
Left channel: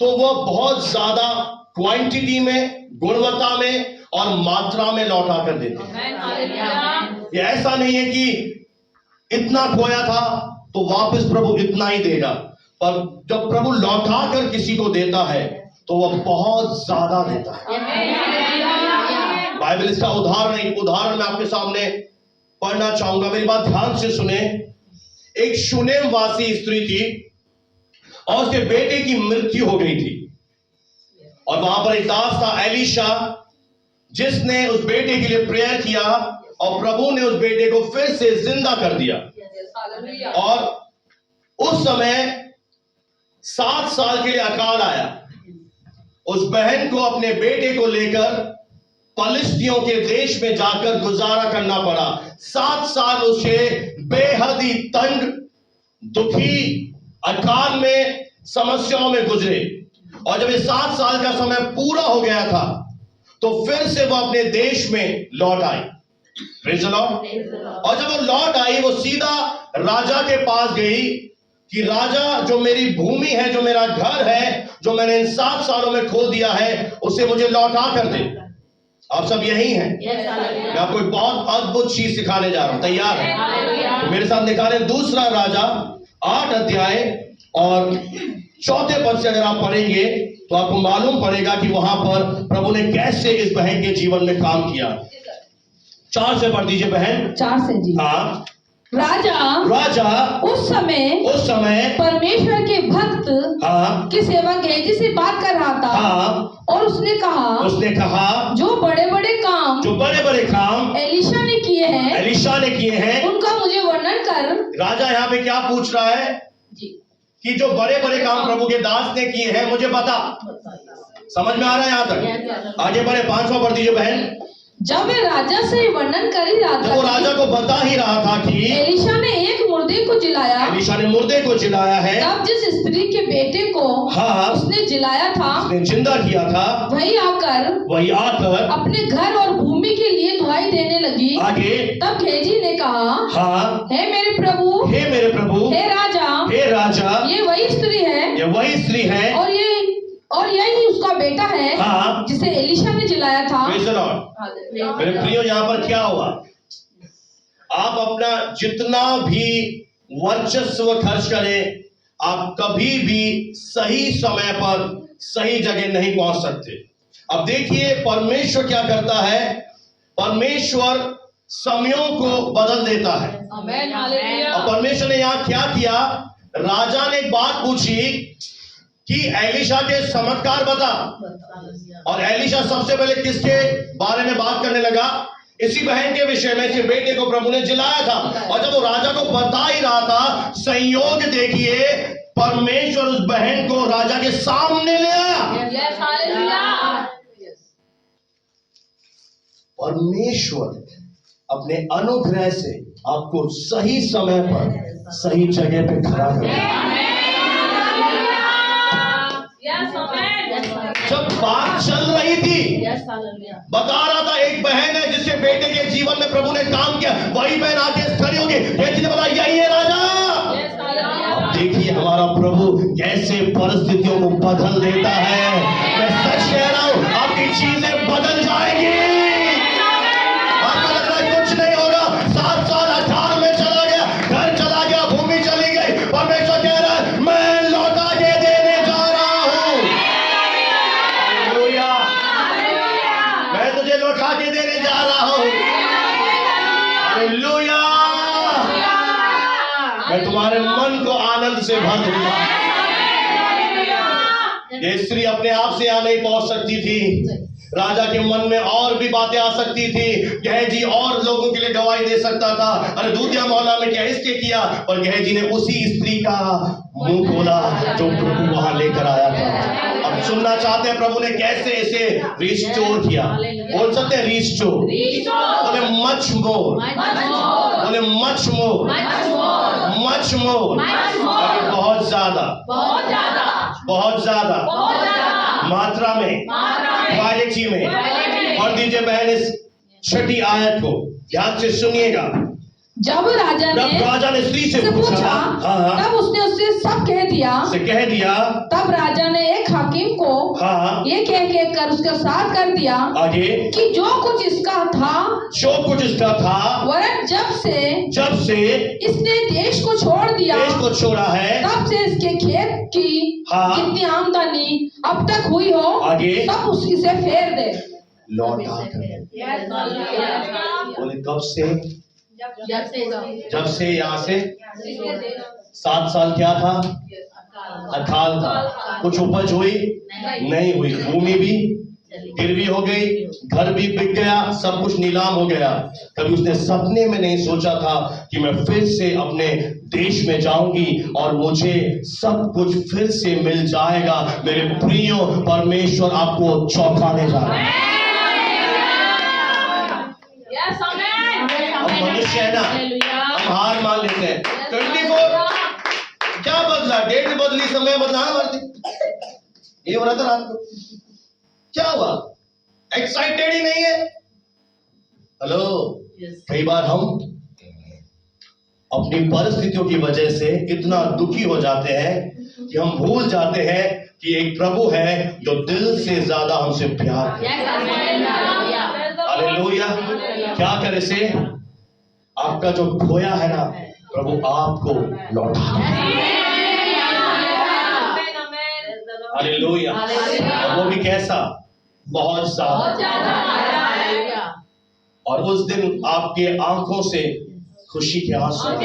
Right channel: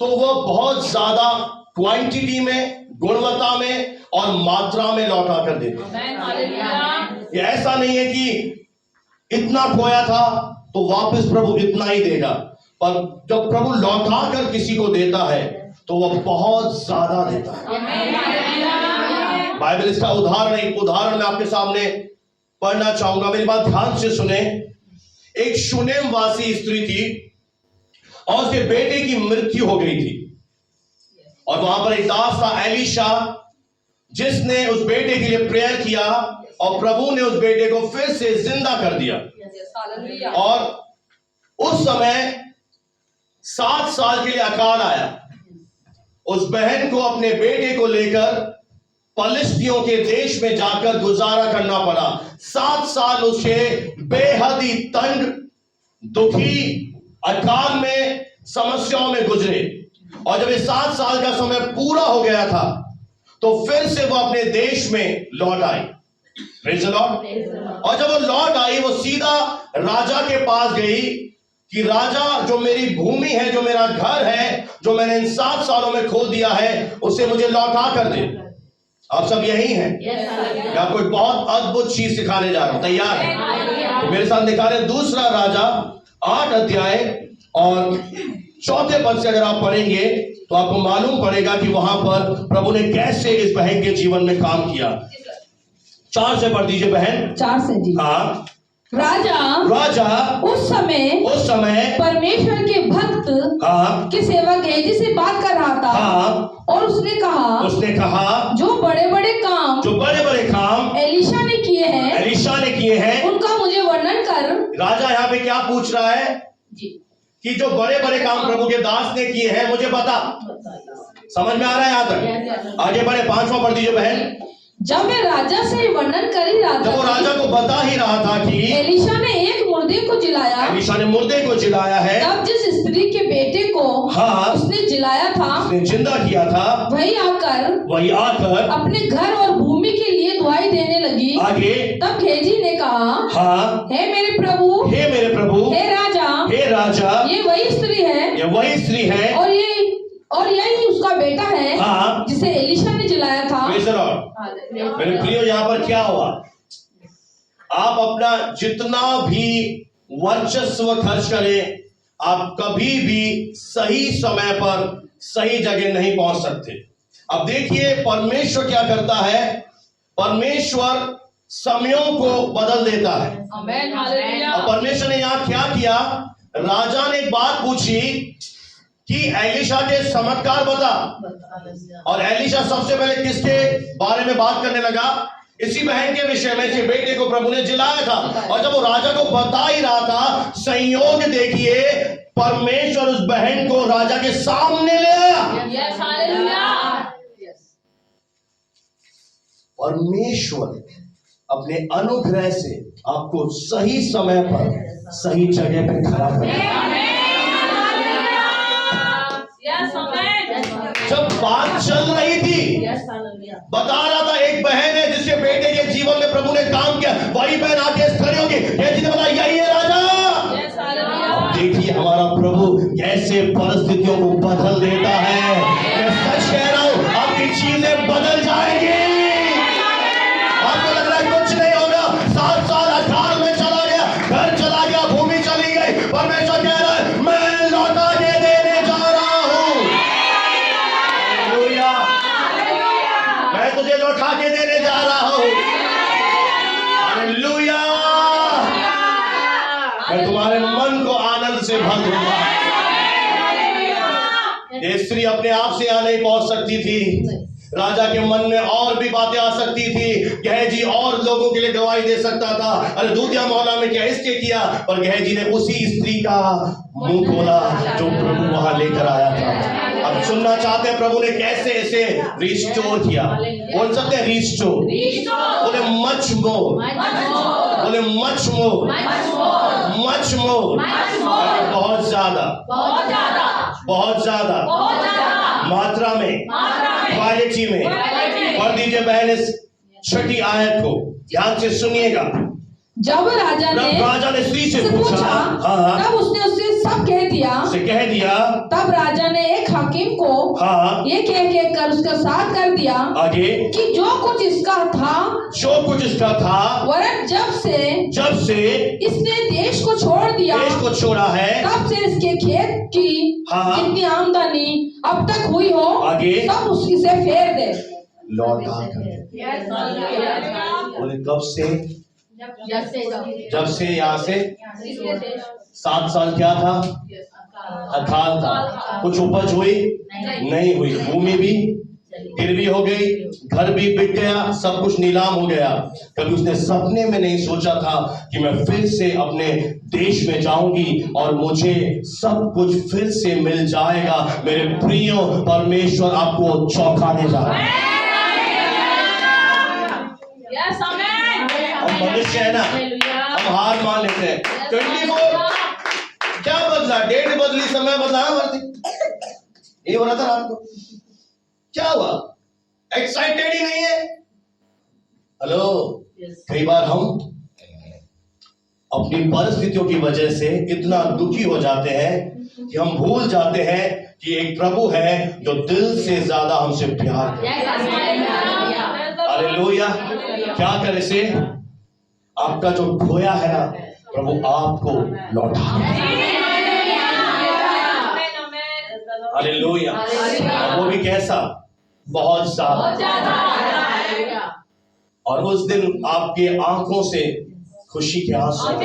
तो वह बहुत ज्यादा क्वांटिटी में, गुणवत्ता में और मात्रा में लौटा कर देते हैं। ये ऐसा नहीं है कि इतना खोया था तो वापस प्रभु इतना ही देगा, पर जब प्रभु लौटा कर किसी को देता है तो वह बहुत ज्यादा देता है। बाइबल इसका उदाहरण मैं आपके सामने पढ़ना चाहूंगा, मेरी बात ध्यान से सुने। एक शूनेम वासी स्त्री थी और उसके बेटे की मृत्यु हो गई थी, और वहां पर एक दास था एलीशा, जिसने उस बेटे के लिए प्रेयर किया और प्रभु ने उस बेटे को फिर से जिंदा कर दिया। और उस समय 7 साल के लिए अकाल आया। उस बहन को अपने बेटे को लेकर पलिश्तियों के देश में जाकर गुजारा करना पड़ा। 7 साल उसे बेहद ही तंग, दुखी, अकाल में, समस्याओं में गुजरे। और जब ये 7 साल का समय पूरा हो गया था तो फिर से वो अपने देश में लौट आई। Praise the Lord. और जब वो लौट आई, वो सीधा राजा के पास गई कि राजा, जो मेरी भूमि है, जो मेरा घर है, जो मैंने इन 7 सालों में खो दिया है, उसे मुझे लौटा कर दे। आप सब यही हैं? मैं आपको एक बहुत अद्भुत चीज सिखाने जा रहा हूं, तैयार है? तो मेरे साथ निकाले 2 राजा 8 अध्याय और 4 पद से अगर आप पढ़ेंगे तो आपको मालूम पड़ेगा कि वहां पर प्रभु ने कैसे इस बहन के जीवन में काम किया। 4 से पढ़ दीजिए बहन। 4 से जी। हाँ। राजा उस समय परमेश्वर के भक्त हाँ की सेवक गेहजी से बात कर रहा था। हाँ। और उसने कहा जो बड़े बड़े काम एलीशा ने किए हैं उनका मुझे वर्णन कर। राजा यहाँ पे क्या पूछ रहा है जी, कि जो बड़े बड़े काम प्रभु के दास ने किए हैं मुझे बता। समझ में आ रहा है यहाँ तक? आगे बढ़े, 5वां पढ़ दीजिए बहन। जब वे राजा से वर्णन कर ही रहा था, जब वो राजा को बता ही रहा था कि एलीशा ने एक मुर्दे को जिलाया है, तब जिस स्त्री के बेटे को हाँ उसने जिलाया था, उसने जिंदा किया था, वही आकर अपने घर और भूमि के लिए दुहाई देने लगी। आगे तब गेहजी ने कहा, हाँ हे मेरे प्रभु, हे राजा, ये वही स्त्री है और यही उसका बेटा है, हाँ, जिसे एलीशा ने जिलाया था। मेरे प्रियो, यहाँ पर क्या हुआ? आप अपना जितना भी वर्चस्व खर्च करें, आप कभी भी सही समय पर सही जगह नहीं पहुंच सकते। अब देखिए परमेश्वर क्या करता है। परमेश्वर समयों को बदल देता है। और परमेश्वर ने यहाँ क्या किया? राजा ने एक बात पूछी कि एलीशा के चमत्कार बता, और एलीशा सबसे पहले किसके बारे में बात करने लगा? इसी बहन के विषय में, इसी बेटे को प्रभु ने जिलाया था। और जब वो राजा को बता ही रहा था, संयोग देखिए, परमेश्वर उस बहन को राजा के सामने ले आया। परमेश्वर अपने अनुग्रह से आपको सही समय पर सही जगह पे खड़ा करेगा। जब बात चल रही थी, बता रहा था एक बहन है जिसके बेटे के जीवन में प्रभु ने काम किया, वही बहन आके खड़ी होगी, ये बोला यही है राजा। देखिए हमारा प्रभु कैसे परिस्थितियों को बदल देता है। मैं सच कह रहा हूं, आपकी चीजें बदल जाएंगी। आपको लग रहा है कुछ नहीं होगा, 7 साल अकाल में चला गया, घर चला गया, भूमि चली गई। परमेश्वर कह रहा है मैं लौटा के देने जा रहा हूं। हालेलुया, मैं तुझे लौटा के देने जा रहा हूं। हालेलुया, मैं तुम्हारे मन को आनंद से भर दूंगा। ये स्त्री अपने आप से यहाँ नहीं पहुंच सकती थी। राजा के मन में और भी बातें आ सकती थी। गेहजी और लोगों के लिए गवाही दे सकता था, अरे दूधिया मोहल्ला में क्या इसके किया, पर गेहजी ने उसी स्त्री का मुंह खोला जो प्रभु वहां लेकर आया था। अब सुनना चाहते हैं प्रभु ने कैसे इसे रिस्टोर किया। बोल सकते हैं रिस्टोर? बोले मच मोर, बोले मच मोर, मच मोर, बहुत ज्यादा। बहुत ज्यादा मात्रा में, क्वालिटी में। पढ़ दीजिए पहले 6 आयत को, ध्यान से सुनिएगा। जब राजा ने स्त्री से पूछा, हाँ, तब उसने उससे सब कह दिया। तब राजा ने एक हाकिम को हाँ, ये कह कर उसका साथ कर दिया आगे कि जो कुछ इसका था वरन जब से इसने देश को छोड़ा है, तब से इसके खेत की हाँ, जितनी आमदनी अब तक हुई हो आगे सब उससे फेर दे, लौटा कर। बोले कब से? जब से यहाँ से 7 साल क्या था? अकाल था। कुछ उपज हुई नहीं हुई, भूमि भी गिरवी हो गई, घर भी बिक गया, सब कुछ नीलाम हो गया। कभी उसने सपने में नहीं सोचा था कि मैं फिर से अपने देश में जाऊंगी और मुझे सब कुछ फिर से मिल जाएगा। मेरे प्रियो, परमेश्वर आपको चौंकाने जा रहा है। हम मनुष्य है ना, हम हार मान लेते हैं। 24 क्या बदला? डेट बदली, समय बदला, ये हो रहा था रात को। क्या हुआ? एक्साइटेड ही नहीं है। हेलो, कई बार हम अपनी परिस्थितियों की वजह से इतना दुखी हो जाते हैं कि हम भूल जाते हैं कि एक प्रभु है जो दिल से ज्यादा हमसे प्यार करता है। हालेलुया। क्या करे से? आपका जो खोया है ना, प्रभु आपको लौटा। हालेलुया। वो भी कैसा? बहुत ज्यादा। और उस दिन आपके आंखों से खुशी के आंसू। आप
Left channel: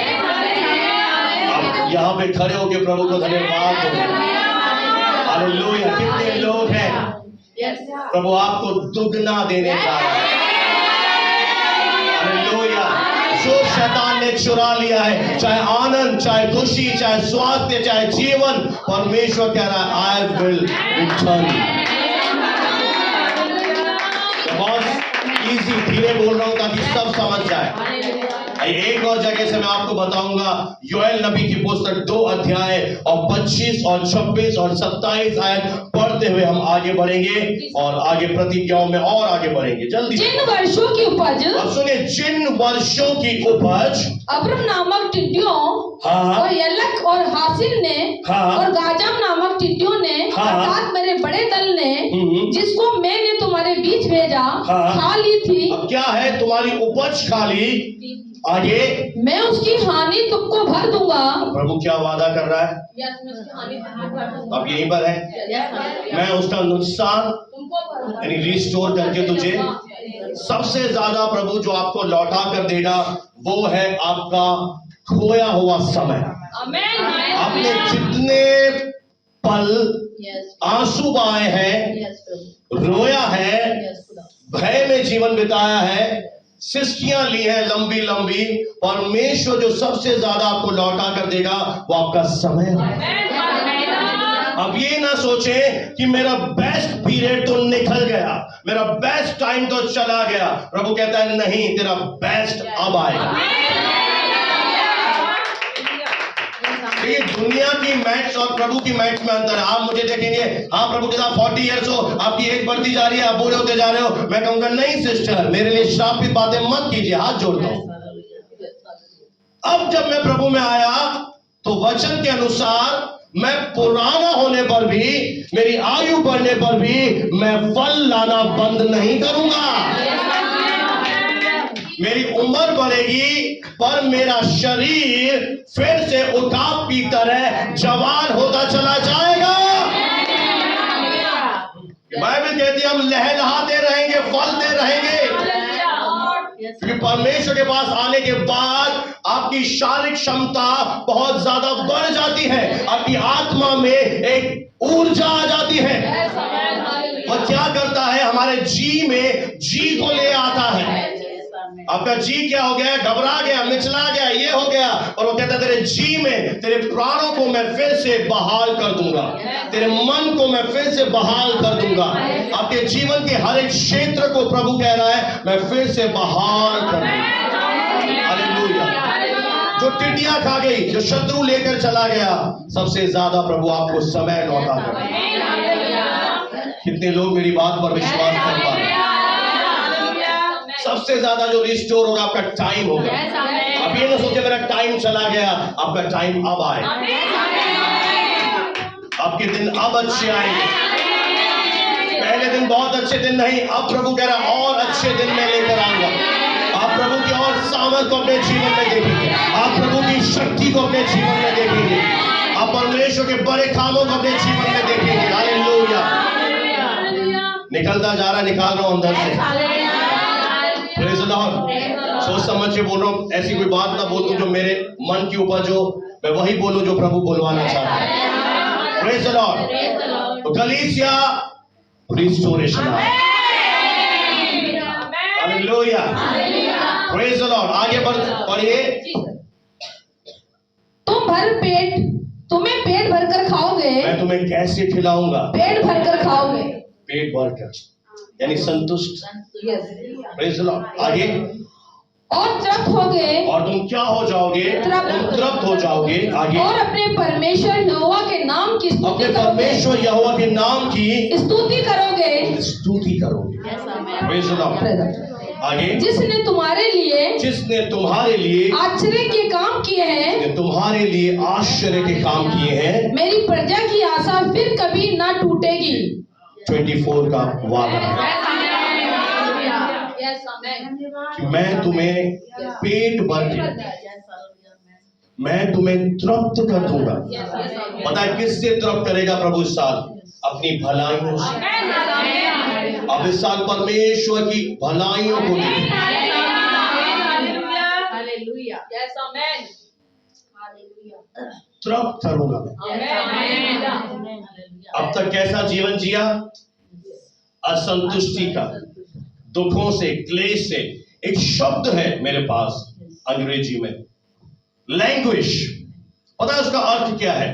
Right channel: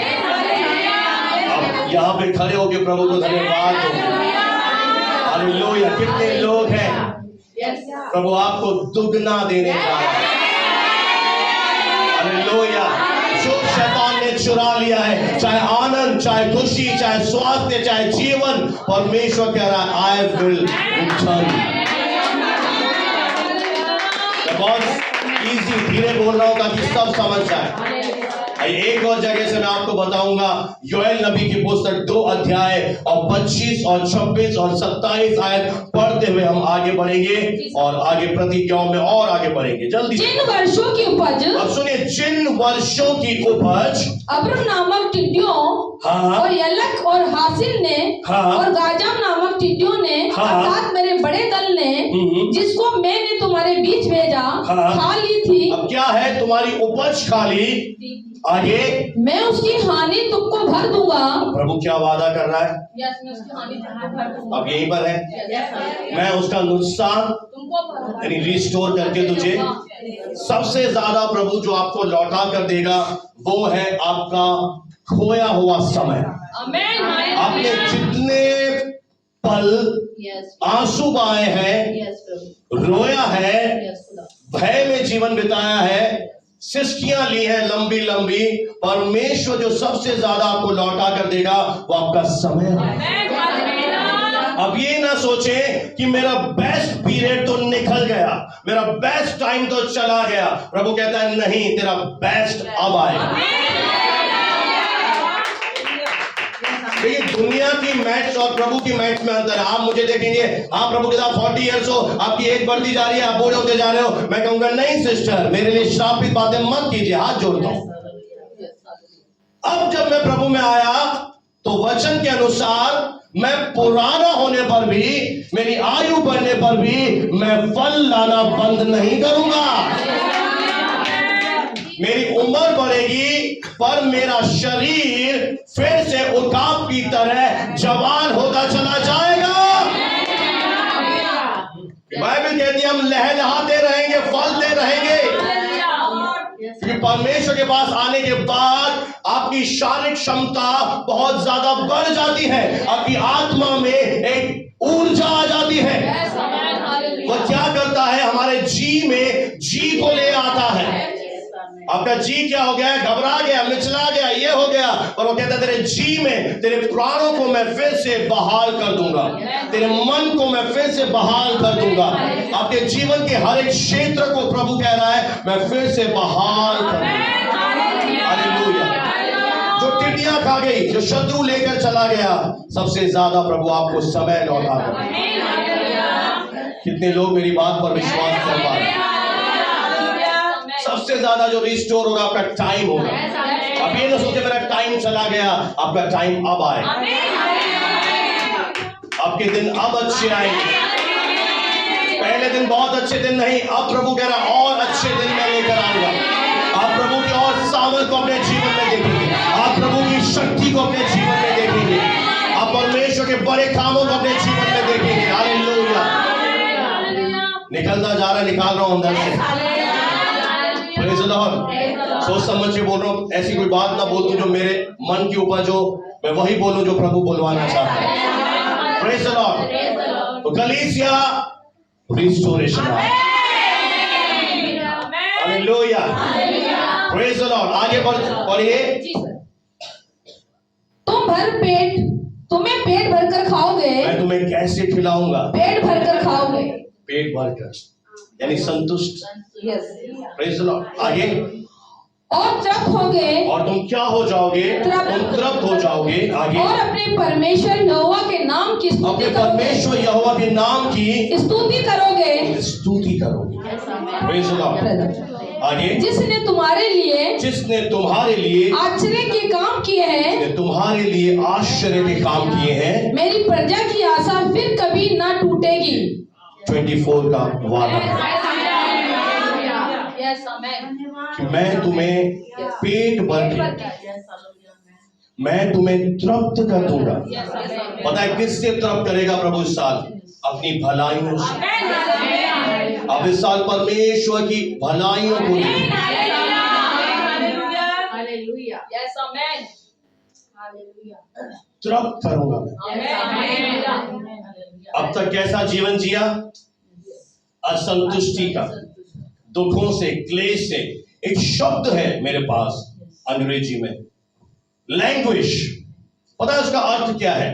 यहाँ पे खड़े होकर प्रभु को धन्यवाद दें। हालेलुया। कितने लोग हैं प्रभु आपको दुगना देने का। हालेलुया। जो शैतान ने चुरा लिया है, चाहे आनंद, चाहे खुशी, चाहे स्वास्थ्य, चाहे जीवन, परमेश्वर कह रहा है आई विल रिटर्न। बहुत इजी, धीरे बोल रहा हूं ताकि सब समझ जाए। एक और जगह से मैं आपको बताऊंगा, योएल नबी की पुस्तक 2 अध्याय और 25 और 26 और 27 आयत पढ़ते हुए हम आगे बढ़ेंगे और आगे प्रतिज्ञाओं में और आगे बढ़ेंगे। जल्दी। जिन वर्षों की उपज, अब सुनिए, जिन वर्षों की उपज अब्रम नामक टिड्डियों, हाँ, और यलक और हासिल ने, हाँ, और गाजम नामक टिड्डियों ने, हाँ, अर्थात मेरे बड़े दल ने, जिसको मैंने तुम्हारे बीच भेजा, हाँ, खा ली थी। अब क्या है? तुम्हारी उपज खा ली। आगे, मैं उसकी हानि तुमको भर दूंगा। प्रभु क्या वादा कर रहा है? मैं उसकी हानि भर दूंगा। अब यहीं पर है, मैं उसका नुकसान यानी रिस्टोर करके तुझे, सबसे ज्यादा प्रभु जो आपको लौटा कर देगा वो है आपका खोया हुआ समय। आपने जितने पल आंसू बहाए हैं, रोया है, भय में जीवन बिताया है, सिस्कियां ली है लंबी लंबी, परमेश्वर जो सबसे ज्यादा आपको लौटा कर देगा वो आपका समय है। अब ये ना सोचे कि मेरा बेस्ट पीरियड तो निकल गया, मेरा बेस्ट टाइम तो चला गया। प्रभु कहता है नहीं, तेरा बेस्ट अब आएगा। देखिए, दुनिया की मैथ्स और प्रभु की मैथ्स में अंतर है। आप मुझे देखेंगे, हाँ प्रभु के साथ 40 इयर्स हो, आपकी एज बढ़ती जा रही है, आप बूढ़े होते जा रहे हो, मैं कहूंगा नहीं सिस्टर, मेरे लिए श्रापित बातें मत कीजिए, हाथ जोड़ता हूं। अब जब मैं प्रभु में आया तो वचन के अनुसार मैं पुराना होने पर भी, मेरी आयु बढ़ने पर भी मैं फल लाना बंद नहीं करूंगा। मेरी उम्र बढ़ेगी पर मेरा शरीर फिर से उकाब की तरह जवान होता चला जाएगा। बाइबल कहती है हम लहलहाते रहेंगे, फलते रहेंगे, क्योंकि परमेश्वर के पास आने के बाद आपकी शारीरिक क्षमता बहुत ज्यादा बढ़ जाती है, आपकी आत्मा में एक ऊर्जा आ जाती है। वह क्या करता है? हमारे जी में जी को ले आता है। आपका जी क्या हो गया? घबरा गया, मिचला गया, ये हो गया, और वो कहता है तेरे जी में, तेरे प्राणों को मैं फिर से बहाल कर दूंगा, तेरे मन को मैं फिर से बहाल कर दूंगा। आपके जीवन के हर एक क्षेत्र को प्रभु कह रहा है मैं फिर से बहाल कर दूंगा। हालेलुया। जो टिड्डियां खा गई, जो शत्रु लेकर चला गया, सबसे ज्यादा प्रभु आपको समय लौटा कर। कितने लोग मेरी बात पर विश्वास कर पा रहे हैं? सबसे ज्यादा जो रिस्टोर होगा आपका टाइम होगा। आप ये ना सोचे मेरा टाइम चला गया, आपका टाइम अब आए, आपके दिन अब अच्छे आएंगे। पहले दिन बहुत अच्छे दिन नहीं, अब प्रभु कह रहा और अच्छे दिन मैं लेकर आऊंगा। आप प्रभु की और सामर्थ को अपने जीवन में देखेंगे, आप प्रभु की शक्ति को अपने जीवन में देखेंगे, आप परमेश्वर के बड़े कामों को अपने जीवन में देखेंगे। हालेलुया। निकलता जा रहा, निकाल रहा हूं अंदर से। Praise the Lord. सोच समझ के बोल रहा हूं, ऐसी कोई बात ना बोल दूं जो मेरे मन की उपज हो, मैं वही बोलूं जो प्रभु बोलवाना चाहता है। Praise the Lord. तो कलीसिया रिस्टोरेशन है। हालेलुया। Praise the Lord. आगे पढ़िए। तुम्हें पेट भरकर खाओगे। मैं तुम्हें कैसे खिलाऊंगा? पेट भरकर खाओगे। पेट भरकर यानी संतुष्ट। Praise the Lord. आगे। और तृप्त होगे। और तुम क्या हो जाओगे? तुम तृप्त हो जाओगे। आगे। और अपने परमेश्वर यहोवा के नाम की स्तुति अपने परमेश्वर यहोवा के नाम की स्तुति करोगे। स्तुति करोगे। Praise the Lord. आगे। जिसने तुम्हारे लिए आश्चर्य के काम किए हैं, तुम्हारे लिए आश्चर्य के काम किए हैं, मेरी प्रजा की आशा फिर कभी ना टूटेगी। 24 का वादा है कि मैं तुम्हें पेट भर के, मैं तुम्हें तृप्त कर दूंगा। पता है किससे तृप्त करेगा प्रभु इस साल? अपनी भलाइयों से। अब इस साल परमेश्वर की भलाइयों को देखिए। तृप्त करूंगा मैं। अब तक कैसा जीवन जिया? असंतुष्टि का, दुखों से, क्लेश से। एक शब्द है मेरे पास अंग्रेजी में, लैंग्वेज। पता है उसका अर्थ क्या है?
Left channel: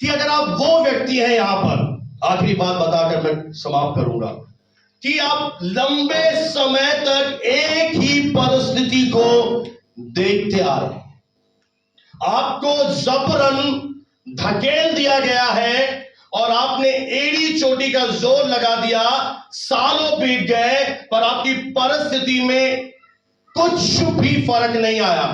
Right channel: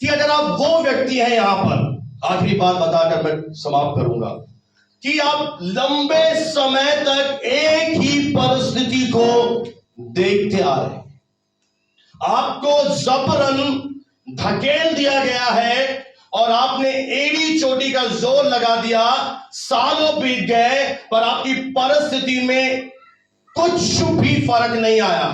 कि अगर आप वो व्यक्ति हैं, यहां पर आखिरी बात बताकर मैं समाप्त करूंगा, कि आप लंबे समय तक एक ही परिस्थिति को देखते आ रहे हैं, आपको जबरन धकेल दिया गया है और आपने एड़ी चोटी का जोर लगा दिया, सालों बीत गए पर आपकी परिस्थिति में कुछ भी फर्क नहीं आया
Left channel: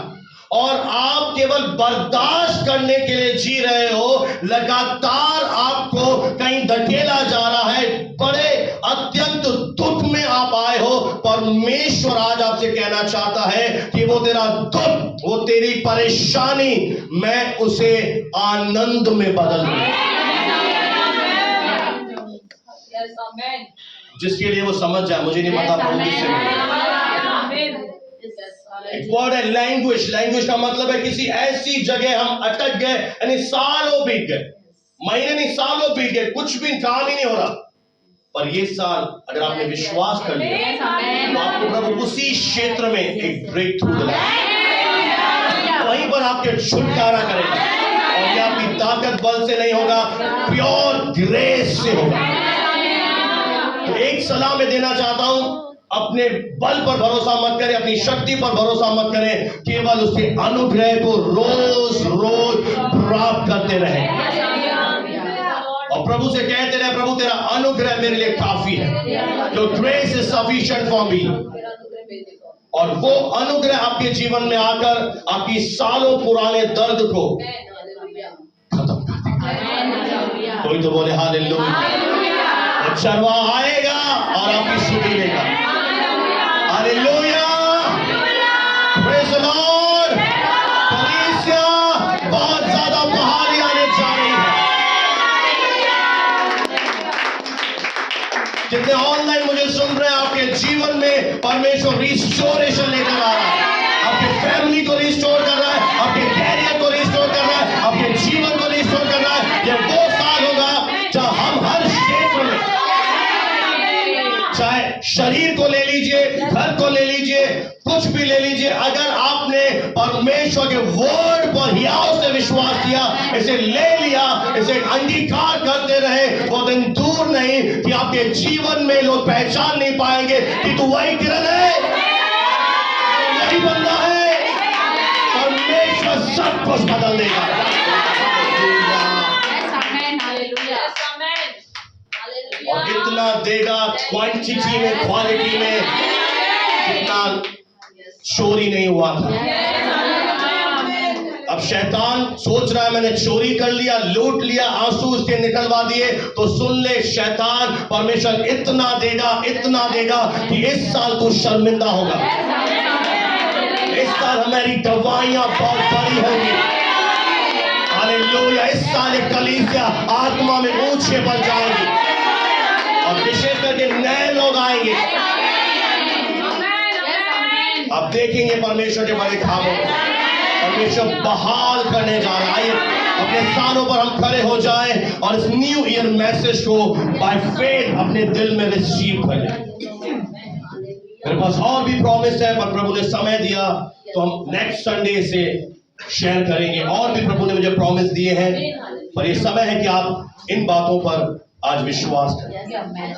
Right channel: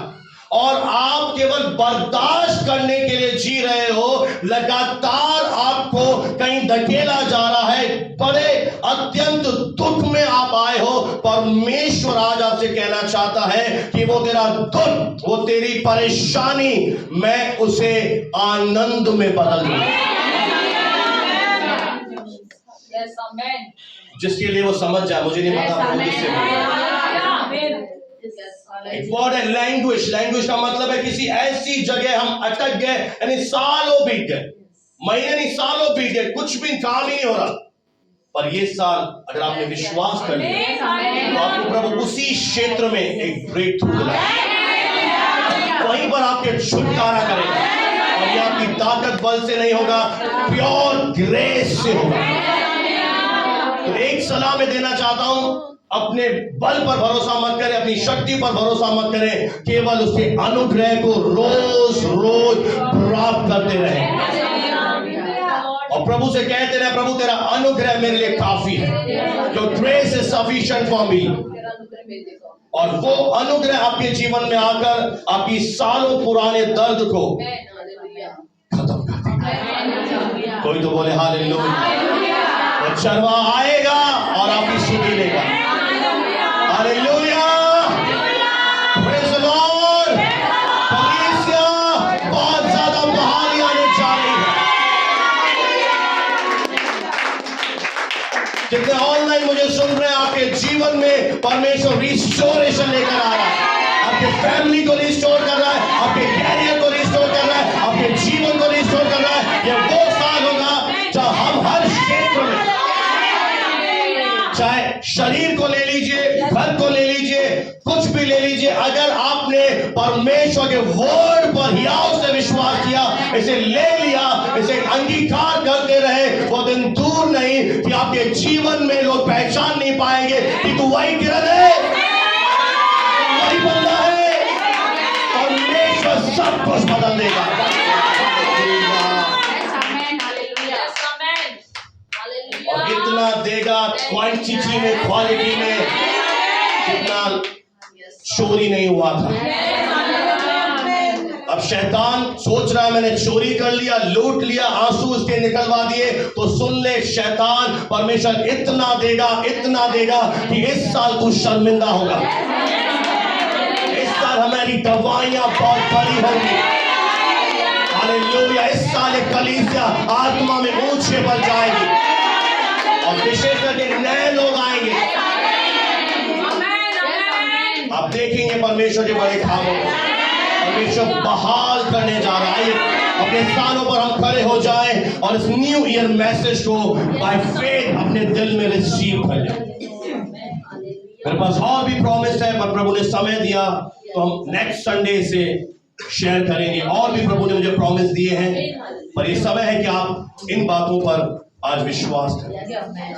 और आप केवल बर्दाश्त करने के लिए जी रहे हो। लगातार आपको कहीं धकेला जा रहा है, बड़े अत्यंत दुख में आप आए हो। परमेश्वर आज आपसे कहना चाहता है कि वो तेरा दुख, वो तेरी परेशानी, मैं उसे आनंद में बदल दूंगा। जिसके लिए वो समझ जाए, मुझे नहीं पता प्रभु किससे बोले। एक वर्ड है लैंग्वेज। लैंग्वेज का मतलब है किसी ऐसी जगह हम अटक गए, यानी सालों बीत गए, महीने नहीं सालों बीत गए, कुछ भी काम ही नहीं हो रहा। पर ये साल अगर आपने विश्वास कर लिया तो आपको प्रभु उसी क्षेत्र में एक ब्रेक थ्रू दिलाएगा, वहीं पर आपके छुटकारा करेगा। और ये आपकी ताकत बल से नहीं होगा, प्योर ग्रेस से होगा। तो एक सलाह मैं देना चाहता हूं, अपने बल पर भरोसा मत करें, अपनी शक्ति पर भरोसा मत करें, केवल उसके अनुग्रह को रोज रोज प्राप्त करते रहें और प्रभु से कहते रहे, प्रभु तेरा अनुग्रह मेरे लिए काफी है, जो grace is sufficient for me. और वो अनुग्रह आपके जीवन में आकर आपकी सालों पुराने दर्द को खत्म कर देगा। कोई तो बोले हालेलुया। और चरवाहा आएगा और आपकी सुधि लेगा। Hallelujah, praise the Lord. कलीसिया बहुत ज्यादा बहाली आने जा रही है। जितने ऑनलाइन मुझे सुन रहे हैं, आपके जीवन में परमेश्वर रिस्टोरेशन लेकर आ रहा है, आपके फैमिली को रिस्टोर कर रहा है, आपके कैरियर को रिस्टोर कर रहा है, आपके जीवन को रिस्टोर कर रहा है। यह वो साल होगा जब हम हर क्षेत्र में, चाहे शरीर को ले लीजिए, घर को ले लीजिए, कुछ भी ले लीजिए, अगर आपने परमेश्वर के वर्ड पर हियाव से विश्वास किया, इसे ले लिया, इसे अंगीकार करते रहे, वो दिन दूर नहीं कि आपके जीवन में लोग पहचान नहीं पाएंगे कि तू वही किरण है, वही बंदा है। और परमेश्वर सब कुछ बदल देगा। और इतना देगा क्वांटिटी में, क्वालिटी में, कितना चोरी नहीं हुआ था। अब शैतान सोच रहा है मैंने चोरी कर लिया, लूट लिया, आंसू उसके निकलवा दिए। तो सुन ले शैतान, परमेश्वर इतना देगा कि इस साल तू शर्मिंदा होगा। इस साल हमारी दवाइयां बहुत बड़ी होंगी। हालेलुया। इस साल एक कलीसिया आत्मा में ऊंचे पर जाएगी और विशेष करके नए लोग आएंगे। आप देखेंगे परमेश्वर के बड़े कामों को परमेश्वर बहाल करने जा रहा है। अपने स्थानों पर हम खड़े हो जाएं और इस न्यू ईयर मैसेज को बाय फेथ अपने दिल में रिसीव कर लें। मेरे पास और भी प्रॉमिस है, पर प्रभु ने समय दिया तो हम नेक्स्ट संडे से शेयर करेंगे। और भी प्रभु ने मुझे प्रॉमिस दिए हैं, पर ये समय है कि आप इन बातों पर आज विश्वास करें।